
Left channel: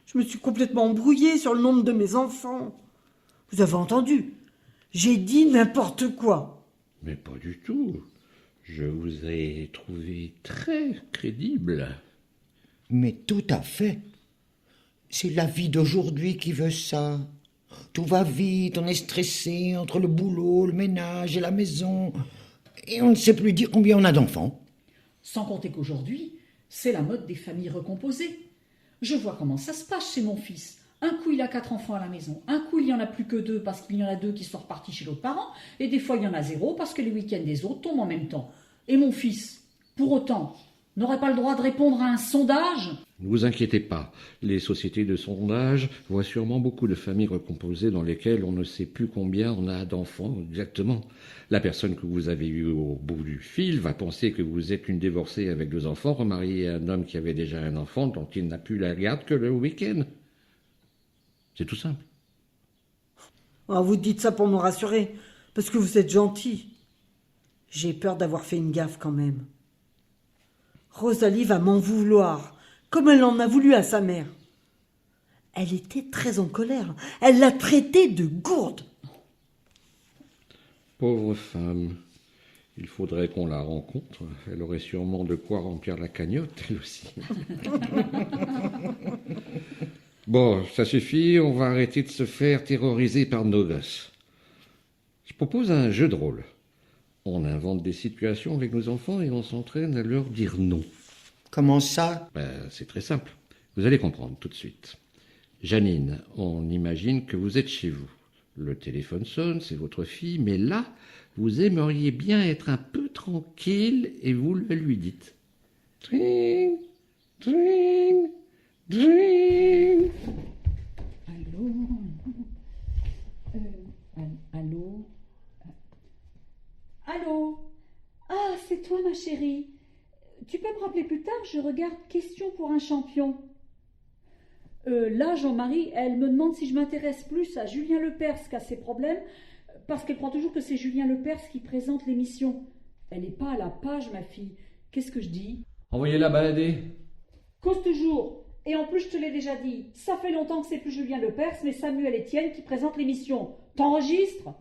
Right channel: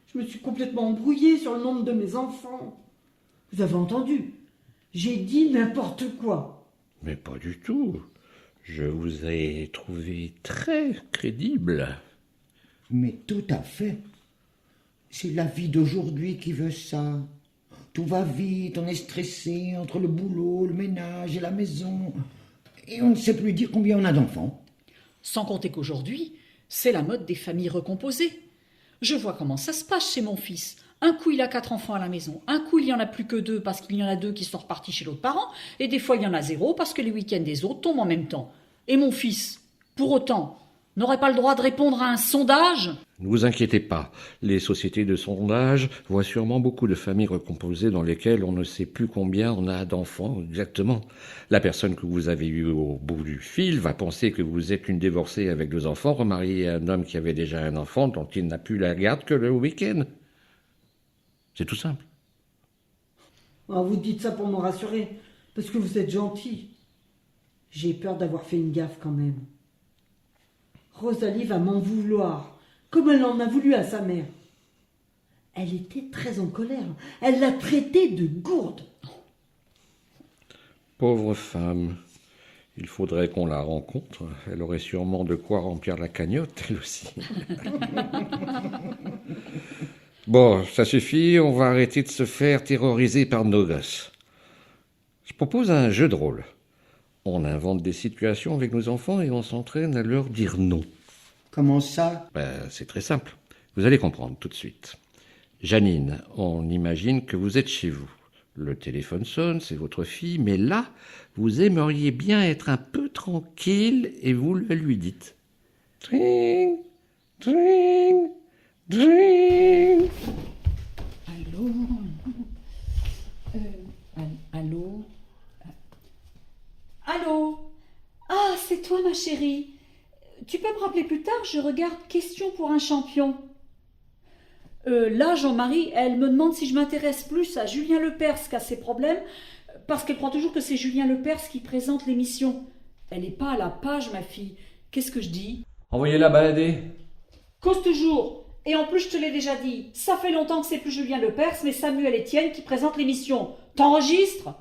je me suis complètement embrouillée sur le nombre de mes enfants. Vous avez entendu? J'ai dit n'importe quoi. Mais pas du tout. Je vous ai trouvé très crédible. Mais tout à fait. C'est la vie d'aujourd'hui qui veut ça. Tout va vite, on est stressé entre le boulot, le ménage et la maison. Et on ne sait plus dire combien on a d'enfants. Sans compter qu'aujourd'hui, c'est la mode des familles recomposées. Je vois comment ça se passe chez mon fils. Un coup, il a 4 enfants à la maison. Un coup, il n'y en a plus que 2 parce qu'il y en a 2 qui sont repartis chez l'autre parent. Et des fois, il y en a 0 parce que les week-ends des autres tombent en même temps. Et mon fils, pour autant, n'aurait pas le droit de répondre à un sondage ? Ne vous inquiétez pas, les sociétés de sondage voient sûrement beaucoup de familles recomposées dans lesquelles on ne sait plus combien on a d'enfants exactement. La personne que vous avez eue au bout du fil va penser que vous êtes une divorcée avec 2 enfants, remariée à un homme qui avait déjà un enfant dont il n'a plus la garde que le week-end. C'est tout simple. Ah, vous dites ça pour me rassurer, parce que vous êtes gentil. J'ai peur d'avoir fait une gaffe quand même. Rosalie va m'en vouloir, comme elle en a voulu à sa mère. Elle était très en colère. Elle l'a traitée de gourde. Pauvre femme. Il faudrait qu'on la rencontre. Elle aurait sûrement de quoi remplir la cagnotte, elle aussi. Bon, ça suffit, on va arrêter de se faire terroriser par nos gosses. Je propose un jeu de rôle. On invente des situations avec nos enfants et on s'entraîne à leur dire non. Comment ça? C'est très simple. Vous allez comprendre tout de suite. Janine, on imagine que vous êtes chez vous. Le téléphone sonne, c'est votre fille, mais là, vous aimeriez bien être un peu tranquille et vous le lui dites. Tring, tring, tring. Allô? Allô? Allô? Ah, c'est toi, ma chérie. Tu peux me rappeler plus tard, je regarde Question pour un champion. Là, Jean-Marie, elle me demande si je m'intéresse plus à Julien Lepers qu'à ses problèmes, parce qu'elle croit toujours que c'est Julien Lepers qui présente l'émission. Elle n'est pas à la page, ma fille. Qu'est-ce que je dis? Envoyez-la balader. Cause toujours. Et en plus, je te l'ai déjà dit, ça fait longtemps que c'est plus Julien Lepers, mais Samuel Etienne qui présente l'émission. T'enregistres?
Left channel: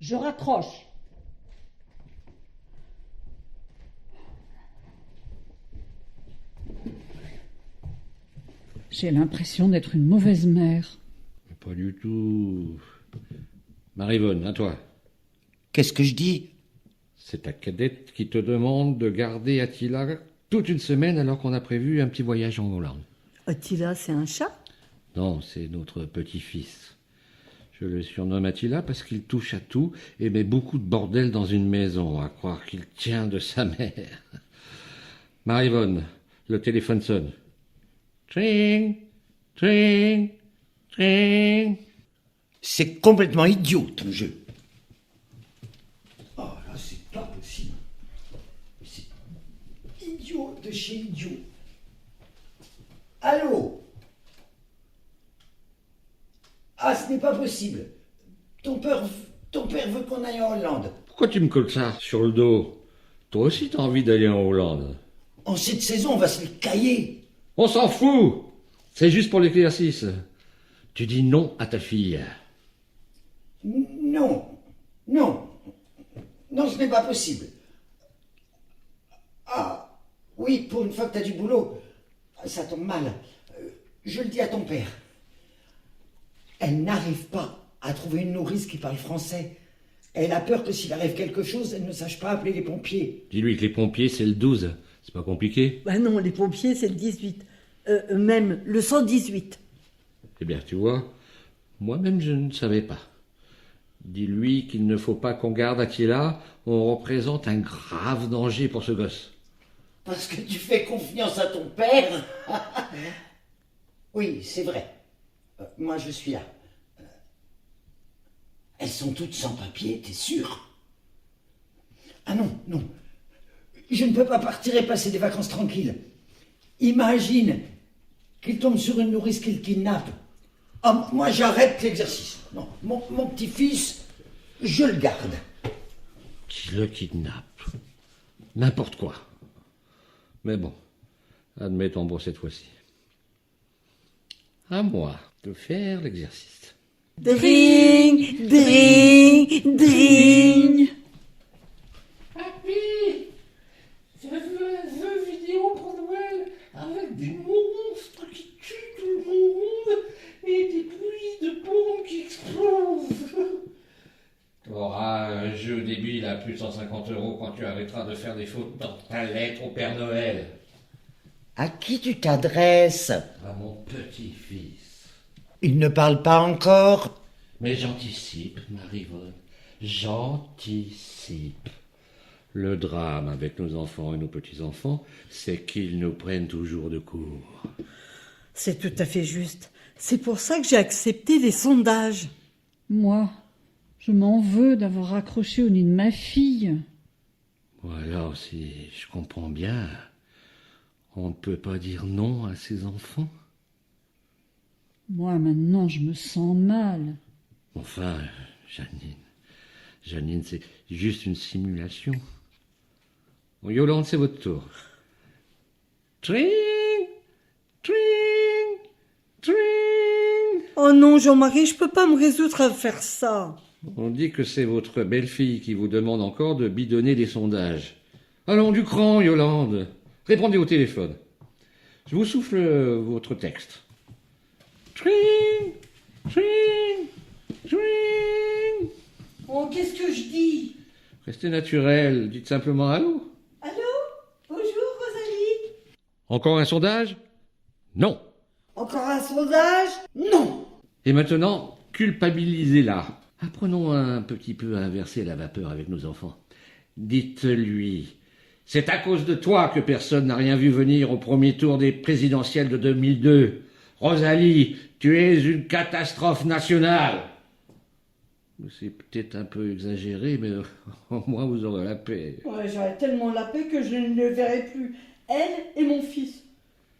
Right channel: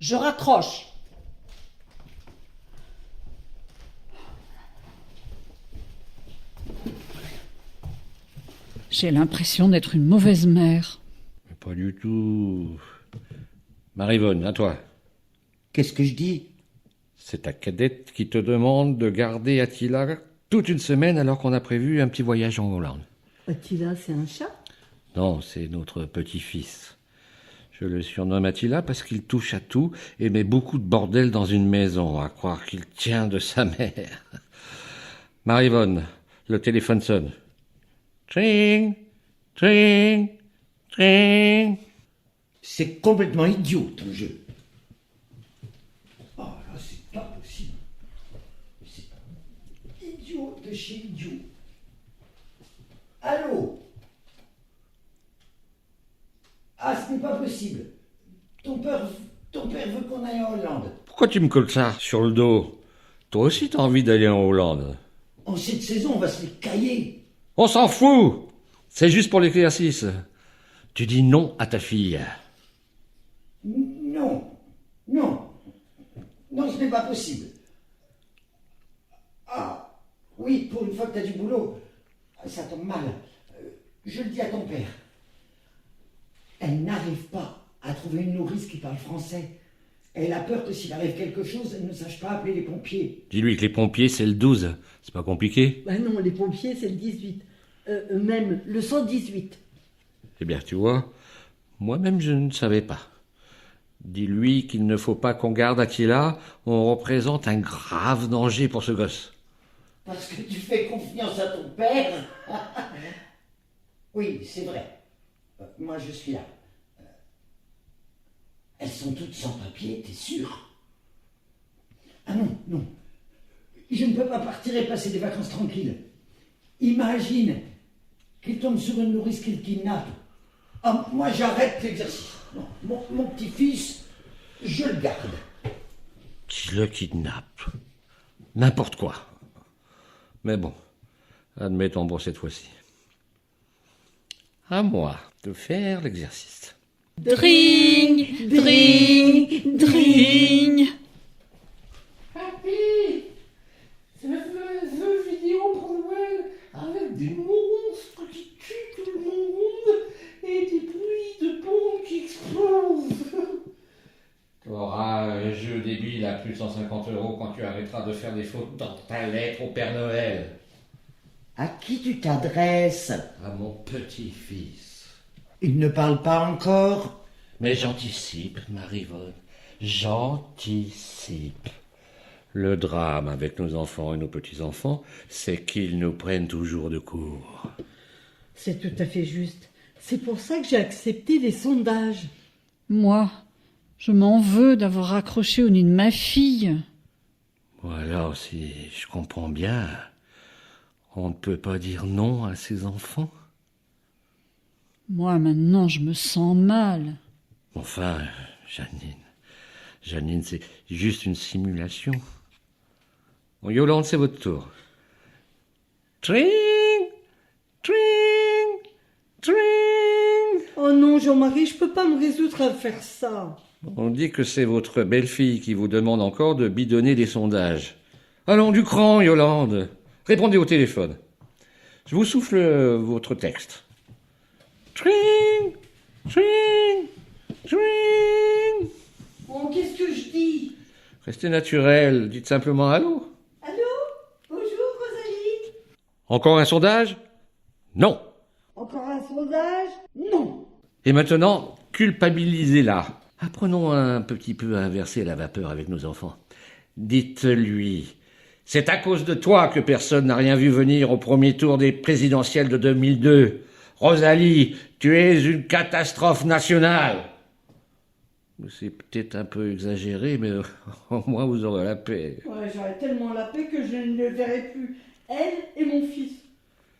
Je raccroche. J'ai l'impression d'être une mauvaise mère. Mais pas du tout. Marie-Vonne, à toi. Qu'est-ce que je dis? C'est ta cadette qui te demande de garder Attila toute une semaine alors qu'on a prévu un petit voyage en Hollande. Attila, c'est un chat? Non, c'est notre petit-fils. Je le surnomme Attila parce qu'il touche à tout et met beaucoup de bordel dans une maison, à croire qu'il tient de sa mère. Marie-Vonne, le téléphone sonne. Tring, tring, tring. C'est complètement idiot, ton jeu. Oh là, c'est pas possible. C'est idiot de chez idiot. Allô? Ah, ce n'est pas possible. Ton père veut qu'on aille en Hollande. Pourquoi tu me colles ça sur le dos? Toi aussi t'as envie d'aller en Hollande. En cette saison, on va se les cailler. On s'en fout. C'est juste pour l'exercice. Tu dis non à ta fille. Non, non, non, ce n'est pas possible. Ah, oui, pour une fois que tu as du boulot, ça tombe mal. Je le dis à ton père. Elle n'arrive pas à trouver une nourrice qui parle français. Elle a peur que s'il arrive quelque chose, elle ne sache pas appeler les pompiers. Dis-lui que les pompiers, c'est le 12. C'est pas compliqué? Bah non, les pompiers, c'est le 18. Même le 118. Eh bien, tu vois, moi-même, je ne savais pas. Dis-lui qu'il ne faut pas qu'on garde Attila. On représente un grave danger pour ce gosse. Parce que tu fais confiance à ton père. Oui, c'est vrai. Moi, je suis là. Elles sont toutes sans papier, t'es sûr? Ah non, non. Je ne peux pas partir et passer des vacances tranquilles. Imagine qu'il tombe sur une nourrice qu'il kidnappe. Ah, moi, j'arrête l'exercice. Non, mon petit-fils, je le garde. Qui le kidnappe? N'importe quoi. Mais bon, admettons pour cette fois-ci. À moi de faire l'exercice. Dring, dring, dring. Papy, je veux un jeu vidéo pour Noël avec des monstres qui tuent tout le monde et des bruits de bombes qui explosent. Tu auras un jeu débile à plus de 150 € quand tu arrêteras de faire des fautes dans ta lettre au Père Noël. À qui tu t'adresses? À mon petit-fils. Il ne parle pas encore. Mais j'anticipe, Marivonne, j'anticipe. Le drame avec nos enfants et nos petits-enfants, c'est qu'ils nous prennent toujours de court. C'est tout à fait juste. C'est pour ça que j'ai accepté les sondages. Moi, je m'en veux d'avoir raccroché au nid de ma fille. Ou alors, si je comprends bien, on ne peut pas dire non à ses enfants. Moi, maintenant, je me sens mal. Enfin, Janine, c'est juste une simulation. Bon, Yolande, c'est votre tour. Tring, tring, tring. Oh non, Jean-Marie, je peux pas me résoudre à faire ça. On dit que c'est votre belle-fille qui vous demande encore de bidonner des sondages. Allons, du cran, Yolande. Répondez au téléphone. Je vous souffle votre texte. Tring, tring, tring. Oh, qu'est-ce que je dis? Restez naturel, dites simplement allô. Allô? Bonjour, Rosalie. Encore un sondage? Non. Encore un sondage? Non. Et maintenant, culpabilisez-la. Apprenons un petit peu à inverser la vapeur avec nos enfants. Dites-lui, c'est à cause de toi que personne n'a rien vu venir au premier tour des présidentielles de 2002. Rosalie, tu es une catastrophe nationale. C'est peut-être un peu exagéré, mais au moins vous aurez la paix. Ouais, j'aurais tellement la paix que je ne le verrai plus. Elle et mon fils.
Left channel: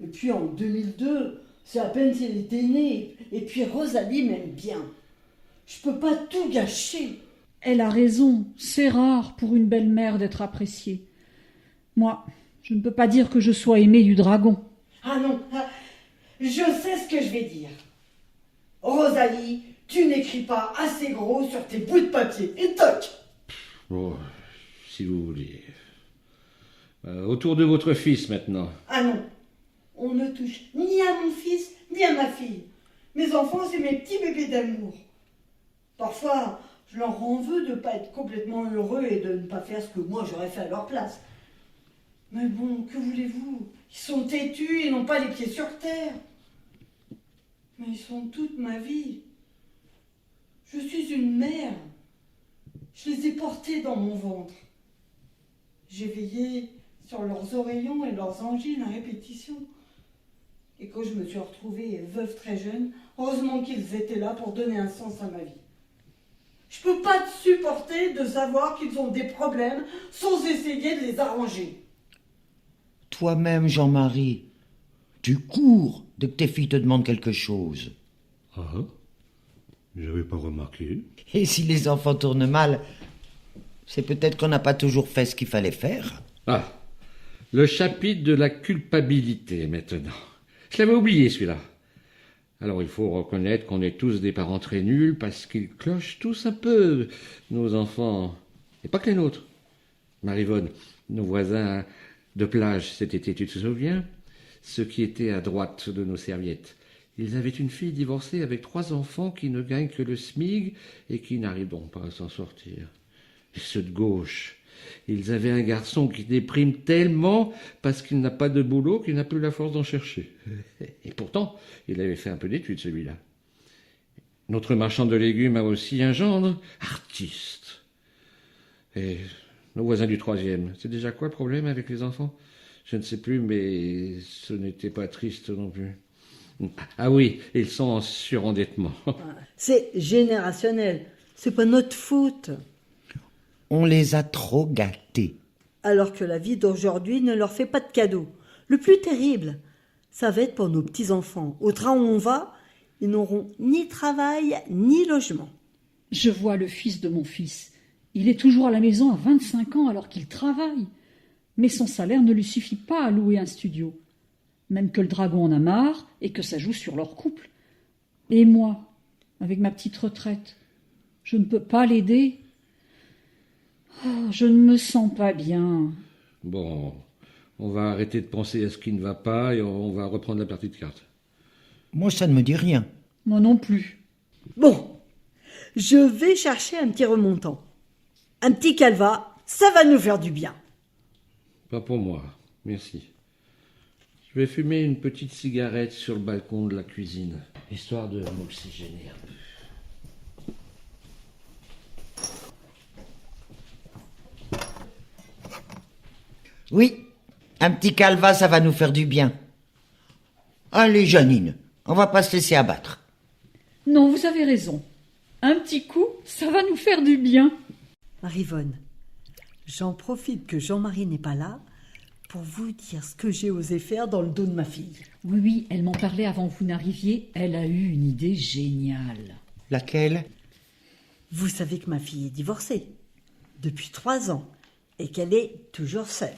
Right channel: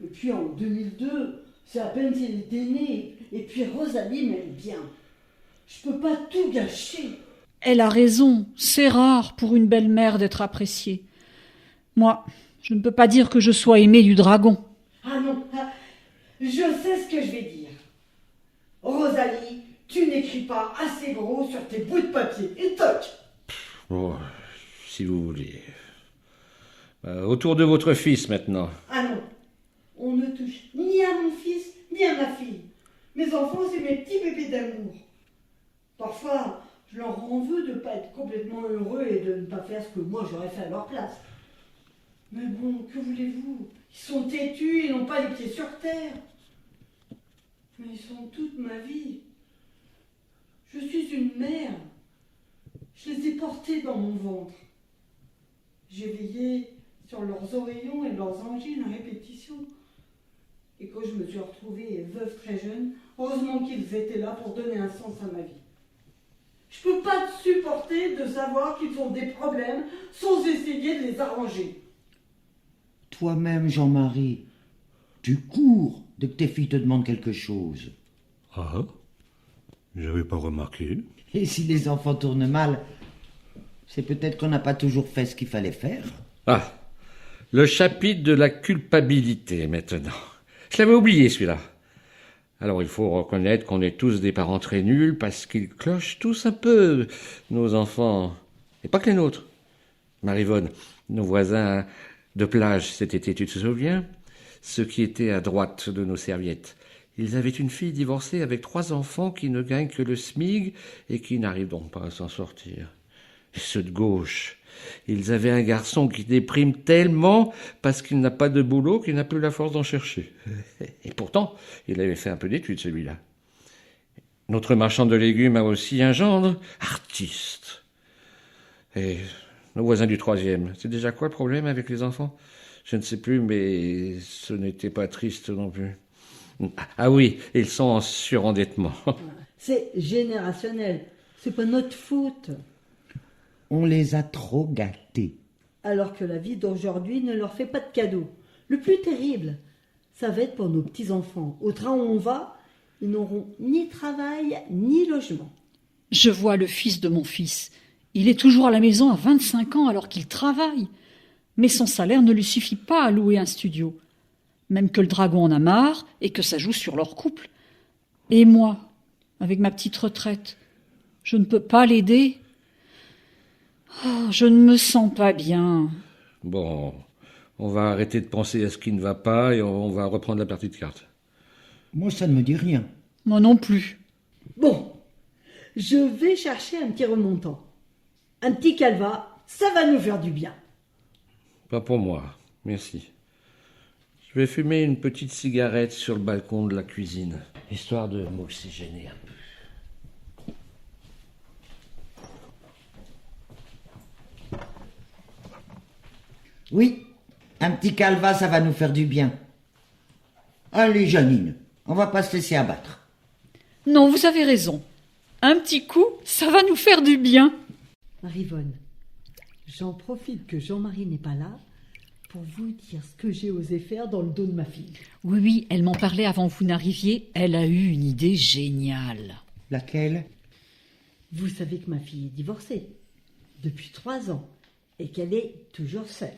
Et puis en 2002, c'est à peine si elle était née. Et puis Rosalie m'aime bien. Je peux pas tout gâcher. Elle a raison, c'est rare pour une belle-mère d'être appréciée. Moi, je ne peux pas dire que je sois aimée du dragon. Ah non, je sais ce que je vais dire. Rosalie, tu n'écris pas assez gros sur tes bouts de papier. Et toc! Bon, si vous voulez. Autour de votre fils maintenant. Ah non, on ne touche ni à mon fils, ni à ma fille. Mes enfants, c'est mes petits bébés d'amour. Parfois, je leur en veux de ne pas être complètement heureux et de ne pas faire ce que moi j'aurais fait à leur place. Mais bon, que voulez-vous? Ils sont têtus, ils n'ont pas les pieds sur terre. Mais ils sont toute ma vie. Je suis une mère. Je les ai portés dans mon ventre. J'ai veillé sur leurs oreillons et leurs angines à répétition. Et quand je me suis retrouvée veuve très jeune, heureusement qu'ils étaient là pour donner un sens à ma vie. Je peux pas te supporter de savoir qu'ils ont des problèmes sans essayer de les arranger. Toi-même, Jean-Marie, tu cours dès que tes filles te demandent quelque chose. Ah, j'avais pas remarqué. Et si les enfants tournent mal, c'est peut-être qu'on n'a pas toujours fait ce qu'il fallait faire. Ah, le chapitre de la culpabilité maintenant. Je l'avais oublié celui-là. Alors il faut reconnaître qu'on est tous des parents très nuls parce qu'ils clochent tous un peu, nos enfants. Et pas que les nôtres. Marivonne, nos voisins de plage cet été, tu te souviens? Ceux qui étaient à droite de nos serviettes. Ils avaient une fille divorcée avec 3 enfants qui ne gagnent que le SMIG et qui n'arrivent donc pas à s'en sortir. Et ceux de gauche, ils avaient un garçon qui déprime tellement parce qu'il n'a pas de boulot qu'il n'a plus la force d'en chercher. Et pourtant, il avait fait un peu d'études, celui-là. Notre marchand de légumes a aussi un gendre artiste. Et nos voisins du 3e, c'est déjà quoi le problème avec les enfants? Je ne sais plus, mais ce n'était pas triste non plus. Ah oui, ils sont en surendettement. C'est générationnel. C'est pas notre faute. On les a trop gâtés. Alors que la vie d'aujourd'hui ne leur fait pas de cadeaux. Le plus terrible, ça va être pour nos petits-enfants. Au train où on va, ils n'auront ni travail ni logement. Je vois le fils de mon fils. Il est toujours à la maison à 25 ans alors qu'il travaille. Mais son salaire ne lui suffit pas à louer un studio. Même que le dragon en a marre et que ça joue sur leur couple. Et moi, avec ma petite retraite, je ne peux pas l'aider. Oh, je ne me sens pas bien. Bon, on va arrêter de penser à ce qui ne va pas et on va reprendre la partie de cartes. Moi, ça ne me dit rien. Moi non plus. Bon, je vais chercher un petit remontant. Un petit calva, ça va nous faire du bien. Pas pour moi, merci. Je vais fumer une petite cigarette sur le balcon de la cuisine, histoire de m'oxygéner un peu. Oui, un petit calva, ça va nous faire du bien. Allez, Janine, on va pas se laisser abattre. Non, vous avez raison. Un petit coup, ça va nous faire du bien. Marivonne, j'en profite que Jean-Marie n'est pas là pour vous dire ce que j'ai osé faire dans le dos de ma fille. Oui, elle m'en parlait avant que vous n'arriviez. Elle a eu une idée géniale. Laquelle? Vous savez que ma fille est divorcée depuis 3 ans et qu'elle est toujours seule.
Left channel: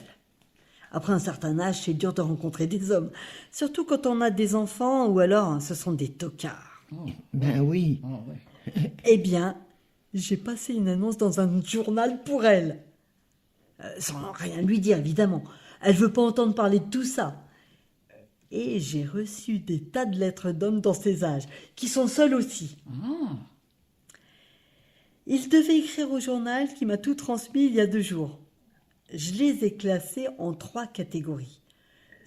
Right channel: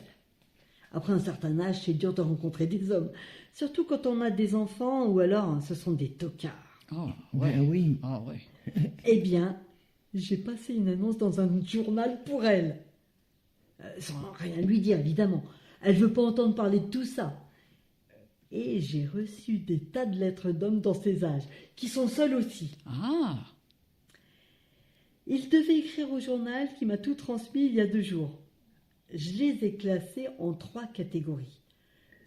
Après un certain âge, c'est dur de rencontrer des hommes, surtout quand on a des enfants ou alors ce sont des tocards. Oh, Ben oui. Ah ouais. Eh bien, j'ai passé une annonce dans un journal pour elle. Sans rien lui dire, évidemment. Elle veut pas entendre parler de tout ça. Et j'ai reçu des tas de lettres d'hommes dans ces âges, qui sont seuls aussi. Ah, Il devait écrire au journal qui m'a tout transmis il y a 2 jours. Je les ai classés en 3 catégories.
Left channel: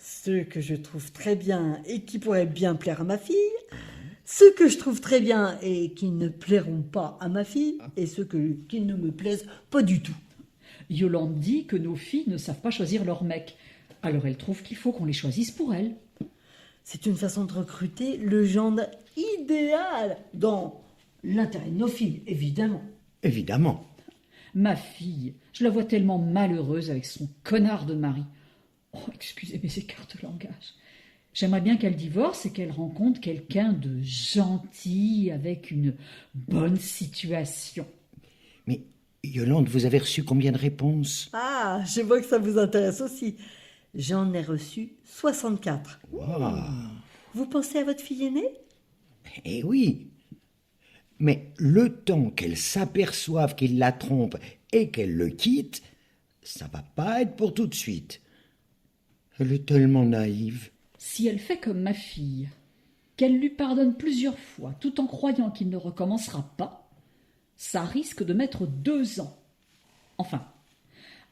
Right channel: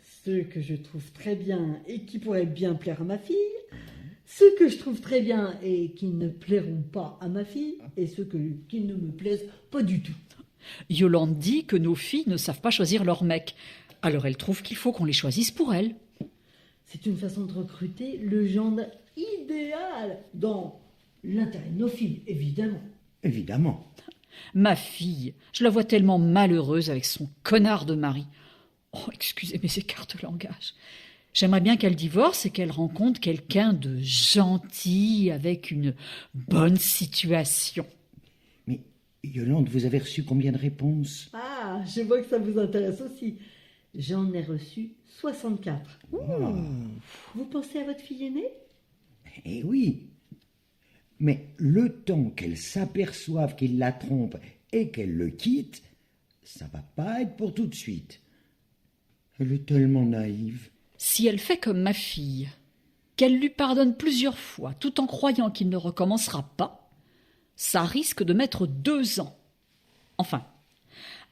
Ceux que je trouve très bien et qui pourraient bien plaire à ma fille, ceux que je trouve très bien et qui ne plairont pas à ma fille, et ceux qui ne me plaisent pas du tout. Yolande dit que nos filles ne savent pas choisir leur mec. Alors elle trouve qu'il faut qu'on les choisisse pour elle. C'est une façon de recruter le genre idéal dans l'intérêt de nos filles, évidemment. Évidemment. Ma fille, je la vois tellement malheureuse avec son connard de mari. Oh, excusez mes écarts de langage. J'aimerais bien qu'elle divorce et qu'elle rencontre quelqu'un de gentil, avec une bonne situation. Mais, Yolande, vous avez reçu combien de réponses? Ah, je vois que ça vous intéresse aussi. J'en ai reçu 64. Vous pensez à votre fille aînée? Eh oui. Mais le temps qu'elle s'aperçoive qu'il la trompe et qu'elle le quitte, ça va pas être pour tout de suite. Elle est tellement naïve. Si elle fait comme ma fille, qu'elle lui pardonne plusieurs fois tout en croyant qu'il ne recommencera pas, ça risque de mettre 2 ans. Enfin,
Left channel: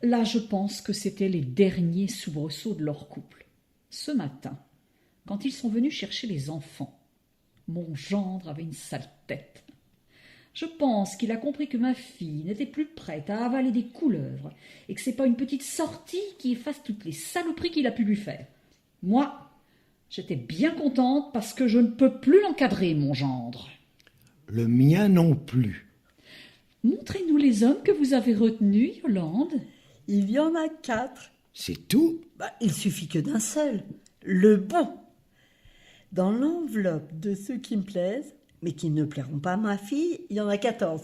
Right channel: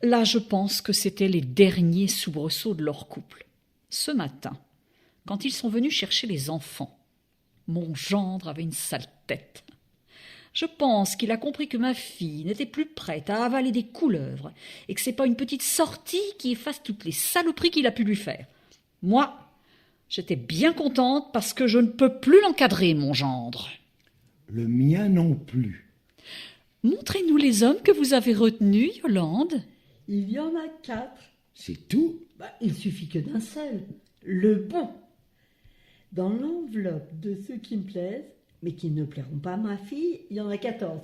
là je pense que c'était les derniers soubresauts de leur couple. Ce matin, quand ils sont venus chercher les enfants, mon gendre avait une sale tête. Je pense qu'il a compris que ma fille n'était plus prête à avaler des couleuvres et que c'est pas une petite sortie qui efface toutes les saloperies qu'il a pu lui faire. Moi, j'étais bien contente parce que je ne peux plus l'encadrer, mon gendre. Le mien non plus. Montrez-nous les hommes que vous avez retenus, Yolande. Il y en a 4. C'est tout? Il suffit que d'un seul. Le bon. Dans l'enveloppe de ceux qui me plaisent, mais qui ne plairont pas à ma fille, il y en a 14.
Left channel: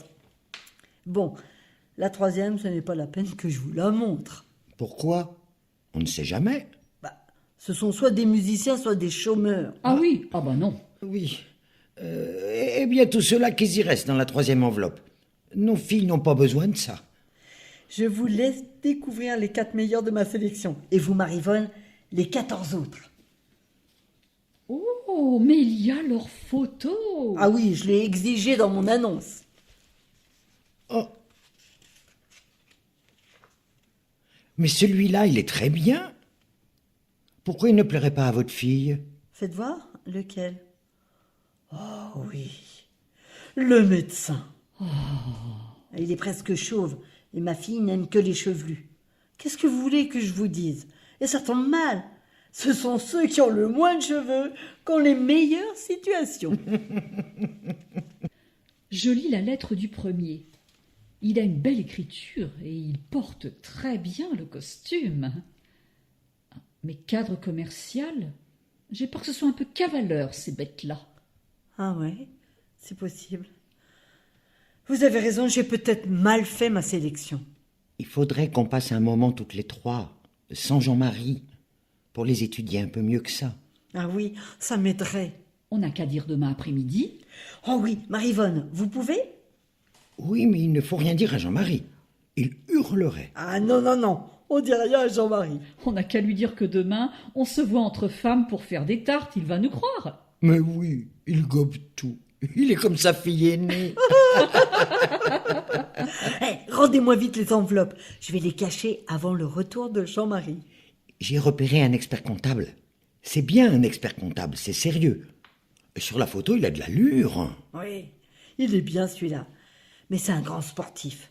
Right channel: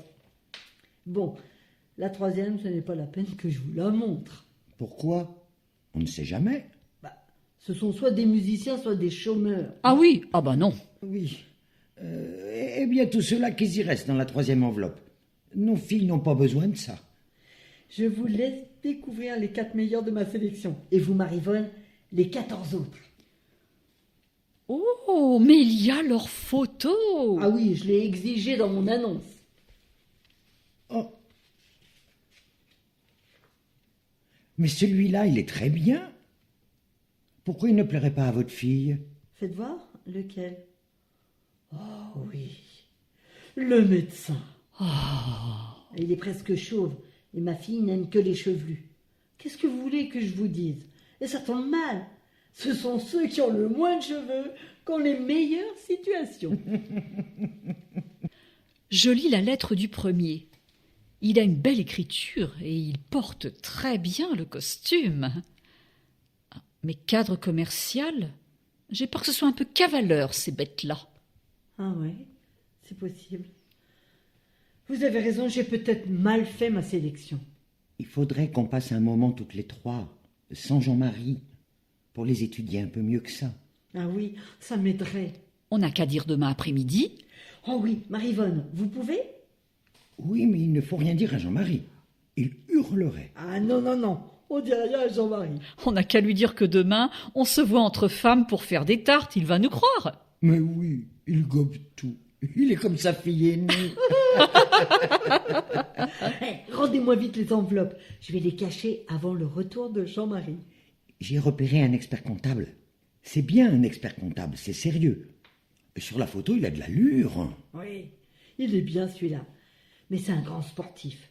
Bon, la 3e, ce n'est pas la peine que je vous la montre. Pourquoi? On ne sait jamais. Ce sont soit des musiciens, soit des chômeurs. Ah oui, ah bah non. Oui. Eh bien, tout cela qu'ils y restent dans la 3e enveloppe. Nos filles n'ont pas besoin de ça. Je vous laisse découvrir les 4 meilleurs de ma sélection. Et vous, Marivonne, les 14 autres. Oh, mais il y a leurs photos. Ah oui, je l'ai exigé dans mon annonce. Oh. Mais celui-là, il est très bien. Pourquoi il ne plairait pas à votre fille? Faites voir lequel. Oh oui, le médecin. Il est presque chauve et ma fille n'aime que les chevelus. Qu'est-ce que vous voulez que je vous dise? Et ça tombe mal. Ce sont ceux qui ont le moins de cheveux qui ont les meilleures situations. Je lis la lettre du premier. Il a une belle écriture et il porte très bien le costume. Mais cadre commercial, j'ai peur que ce soit un peu cavaleur, ces bêtes-là. Ah ouais, c'est possible. Vous avez raison, j'ai peut-être mal fait ma sélection. Il faudrait qu'on passe un moment toutes les 3, sans Jean-Marie, pour les étudier un peu mieux que ça. Ah oui, ça m'aiderait. On n'a qu'à dire demain après-midi. Oh oui, Marivonne, vous pouvez? Oui, mais il ne faut rien dire à Jean-Marie. Il hurlerait. Ah non, non, non, on dit rien à Jean-Marie. On n'a qu'à lui dire que demain, on se voit entre femmes pour faire des tartes, il va nous croire. Mais oui, il gobe tout. Il est comme sa fille aînée. Rendez-moi vite les enveloppes. Je vais les cacher avant le retour de Jean-Marie. J'ai repéré un expert comptable. C'est bien un expert comptable, c'est sérieux. Sur la photo, il a de l'allure. Oui, il est bien celui-là. Mais c'est un grand sportif.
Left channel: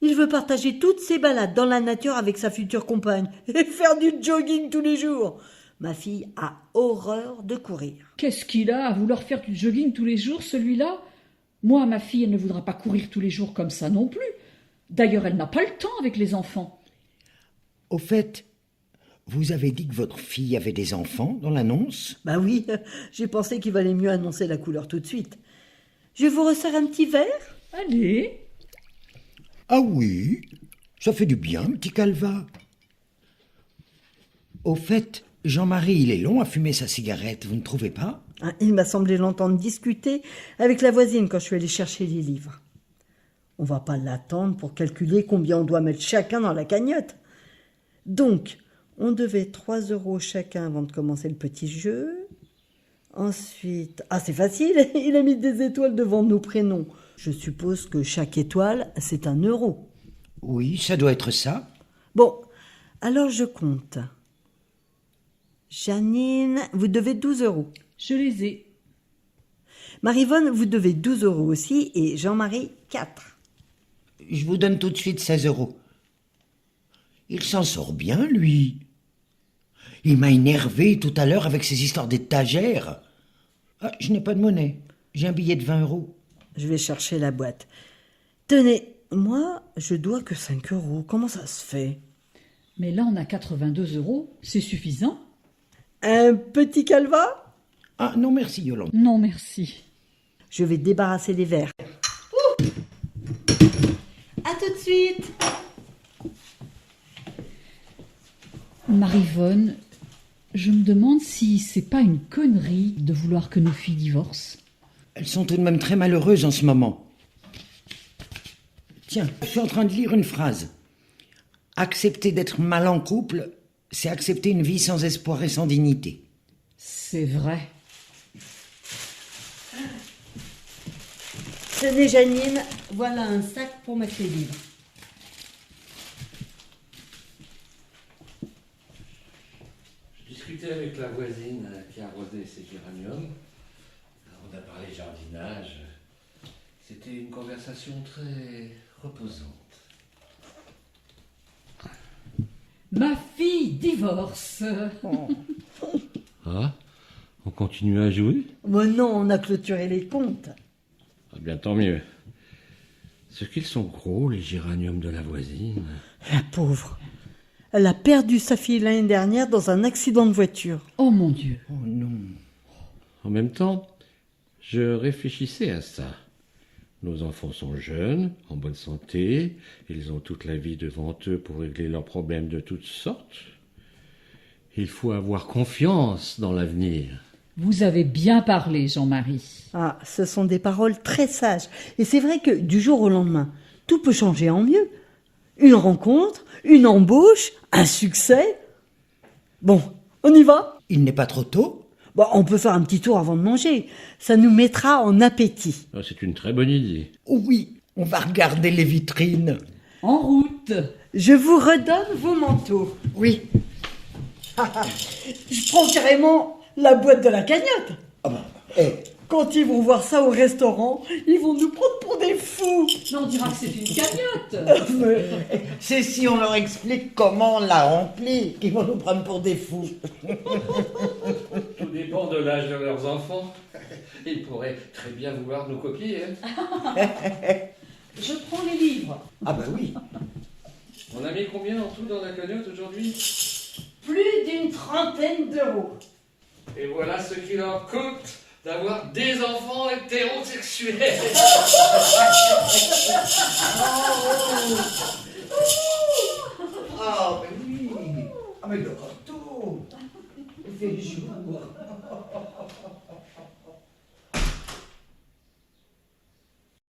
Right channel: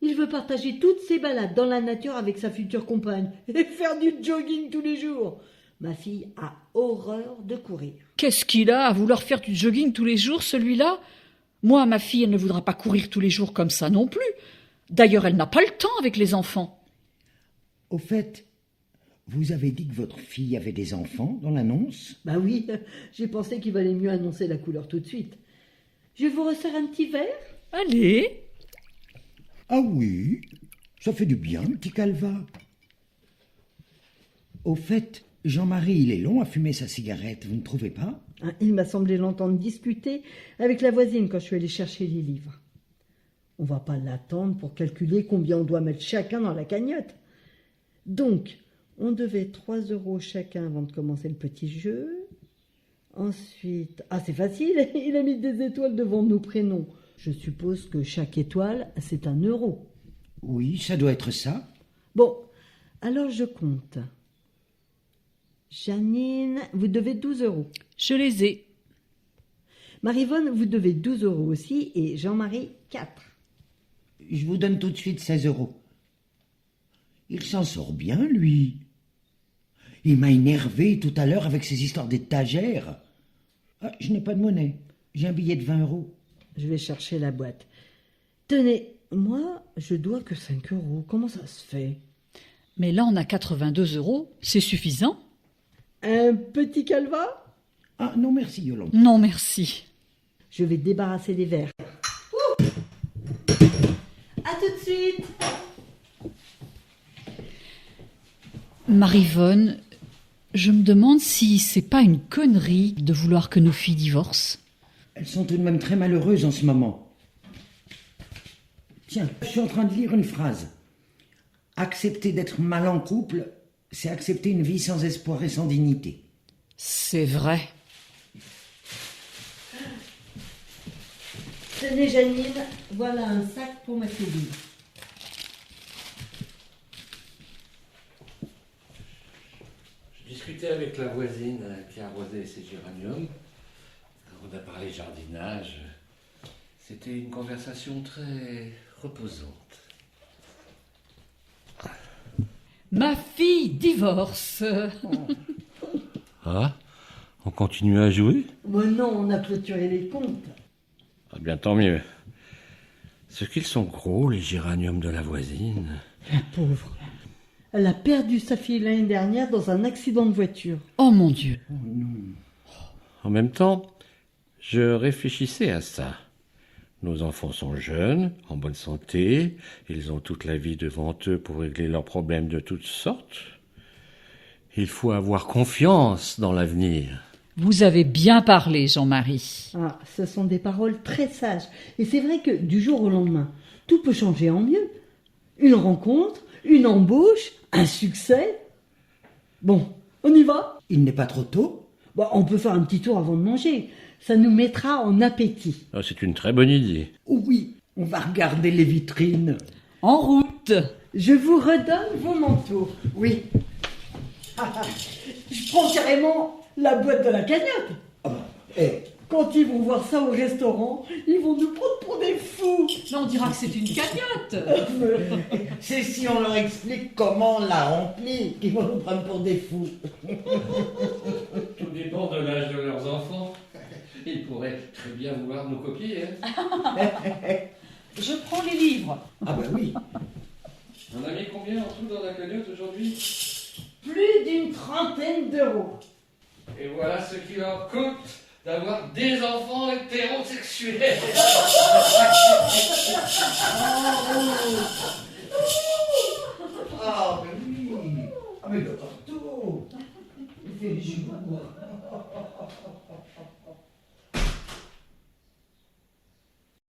Il veut partager toutes ses balades dans la nature avec sa future compagne et faire du jogging tous les jours. Ma fille a horreur de courir. Qu'est-ce qu'il a à vouloir faire du jogging tous les jours, celui-là? Moi, ma fille, elle ne voudra pas courir tous les jours comme ça non plus. D'ailleurs, elle n'a pas le temps avec les enfants. Au fait, vous avez dit que votre fille avait des enfants dans l'annonce? Bah oui, j'ai pensé qu'il valait mieux annoncer la couleur tout de suite. Je vous resserre un petit verre? Allez. Ah oui, ça fait du bien, petit Calva. Au fait, Jean-Marie, il est long à fumer sa cigarette, vous ne trouvez pas? Il m'a semblé l'entendre discuter avec la voisine quand je suis allée chercher les livres. On va pas l'attendre pour calculer combien on doit mettre chacun dans la cagnotte. Donc, on devait 3 € chacun avant de commencer le petit jeu. Ensuite, c'est facile, il a mis des étoiles devant nos prénoms. Je suppose que chaque étoile, c'est 1 €. Oui, ça doit être ça. Bon, alors je compte. Janine, vous devez 12 €. Je les ai. Marivonne, vous devez 12 € aussi, et Jean-Marie, 4. Je vous donne tout de suite 16 €. Il s'en sort bien, lui. Il m'a énervé tout à l'heure avec ses histoires d'étagères. Je n'ai pas de monnaie. J'ai un billet de 20 €. Je vais chercher la boîte. Tenez, moi, je dois que 5 €. Comment ça se fait? Mais là, on a 82 €. C'est suffisant? Un petit calva? Ah non, merci, Yolande. Non, merci. Je vais débarrasser les verres. À tout de suite. Marivonne, je me demande si c'est pas une connerie de vouloir que nos filles divorcent. Elles sont tout de même très malheureuses en ce moment. Tiens, je suis en train de lire une phrase. Accepter d'être mal en couple, c'est accepter une vie sans espoir et sans dignité. C'est vrai. Tenez, Janine, voilà un sac pour mettre les livres. Je discutais avec la voisine qui arrosait ses géraniums. On a parlé jardinage. C'était une conversation très reposante. Ma fille divorce. Ah, on continue à jouer? Bon non, on a clôturé les comptes. Ah bien, tant mieux. Ce qu'ils sont gros, les géraniums de la voisine. La pauvre. Elle a perdu sa fille l'année dernière dans un accident de voiture. Oh mon Dieu. Oh non. En même temps, je réfléchissais à ça. Nos enfants sont jeunes, en bonne santé, ils ont toute la vie devant eux pour régler leurs problèmes de toutes sortes. Il faut avoir confiance dans l'avenir. Vous avez bien parlé, Jean-Marie. Ce sont des paroles très sages. Et c'est vrai que du jour au lendemain, tout peut changer en mieux. Une rencontre, une embauche, un succès. Bon, on y va? Il n'est pas trop tôt? On peut faire un petit tour avant de manger. Ça nous mettra en appétit. Ah, c'est une très bonne idée. Oui, on va regarder les vitrines. En route. Je vous redonne vos manteaux. Oui. Je prends carrément la boîte de la cagnotte. Quand ils vont voir ça au restaurant, ils vont nous prendre pour des fous. Mais on dira que c'est une cagnotte. C'est si on leur explique comment on l'a rempli qu'ils vont nous prendre pour des fous. Tout dépend de l'âge de leurs enfants. Ils pourraient très bien vouloir nous copier. Je prends les livres. Ah bah oui. On a mis combien en tout dans la cagnotte aujourd'hui? Plus d'une 30aine d'euros. Et voilà ce qu'il leur coûte d'avoir des enfants hétérosexuels. Ah, mais oui. Ah, mais le corto. Il fait jour.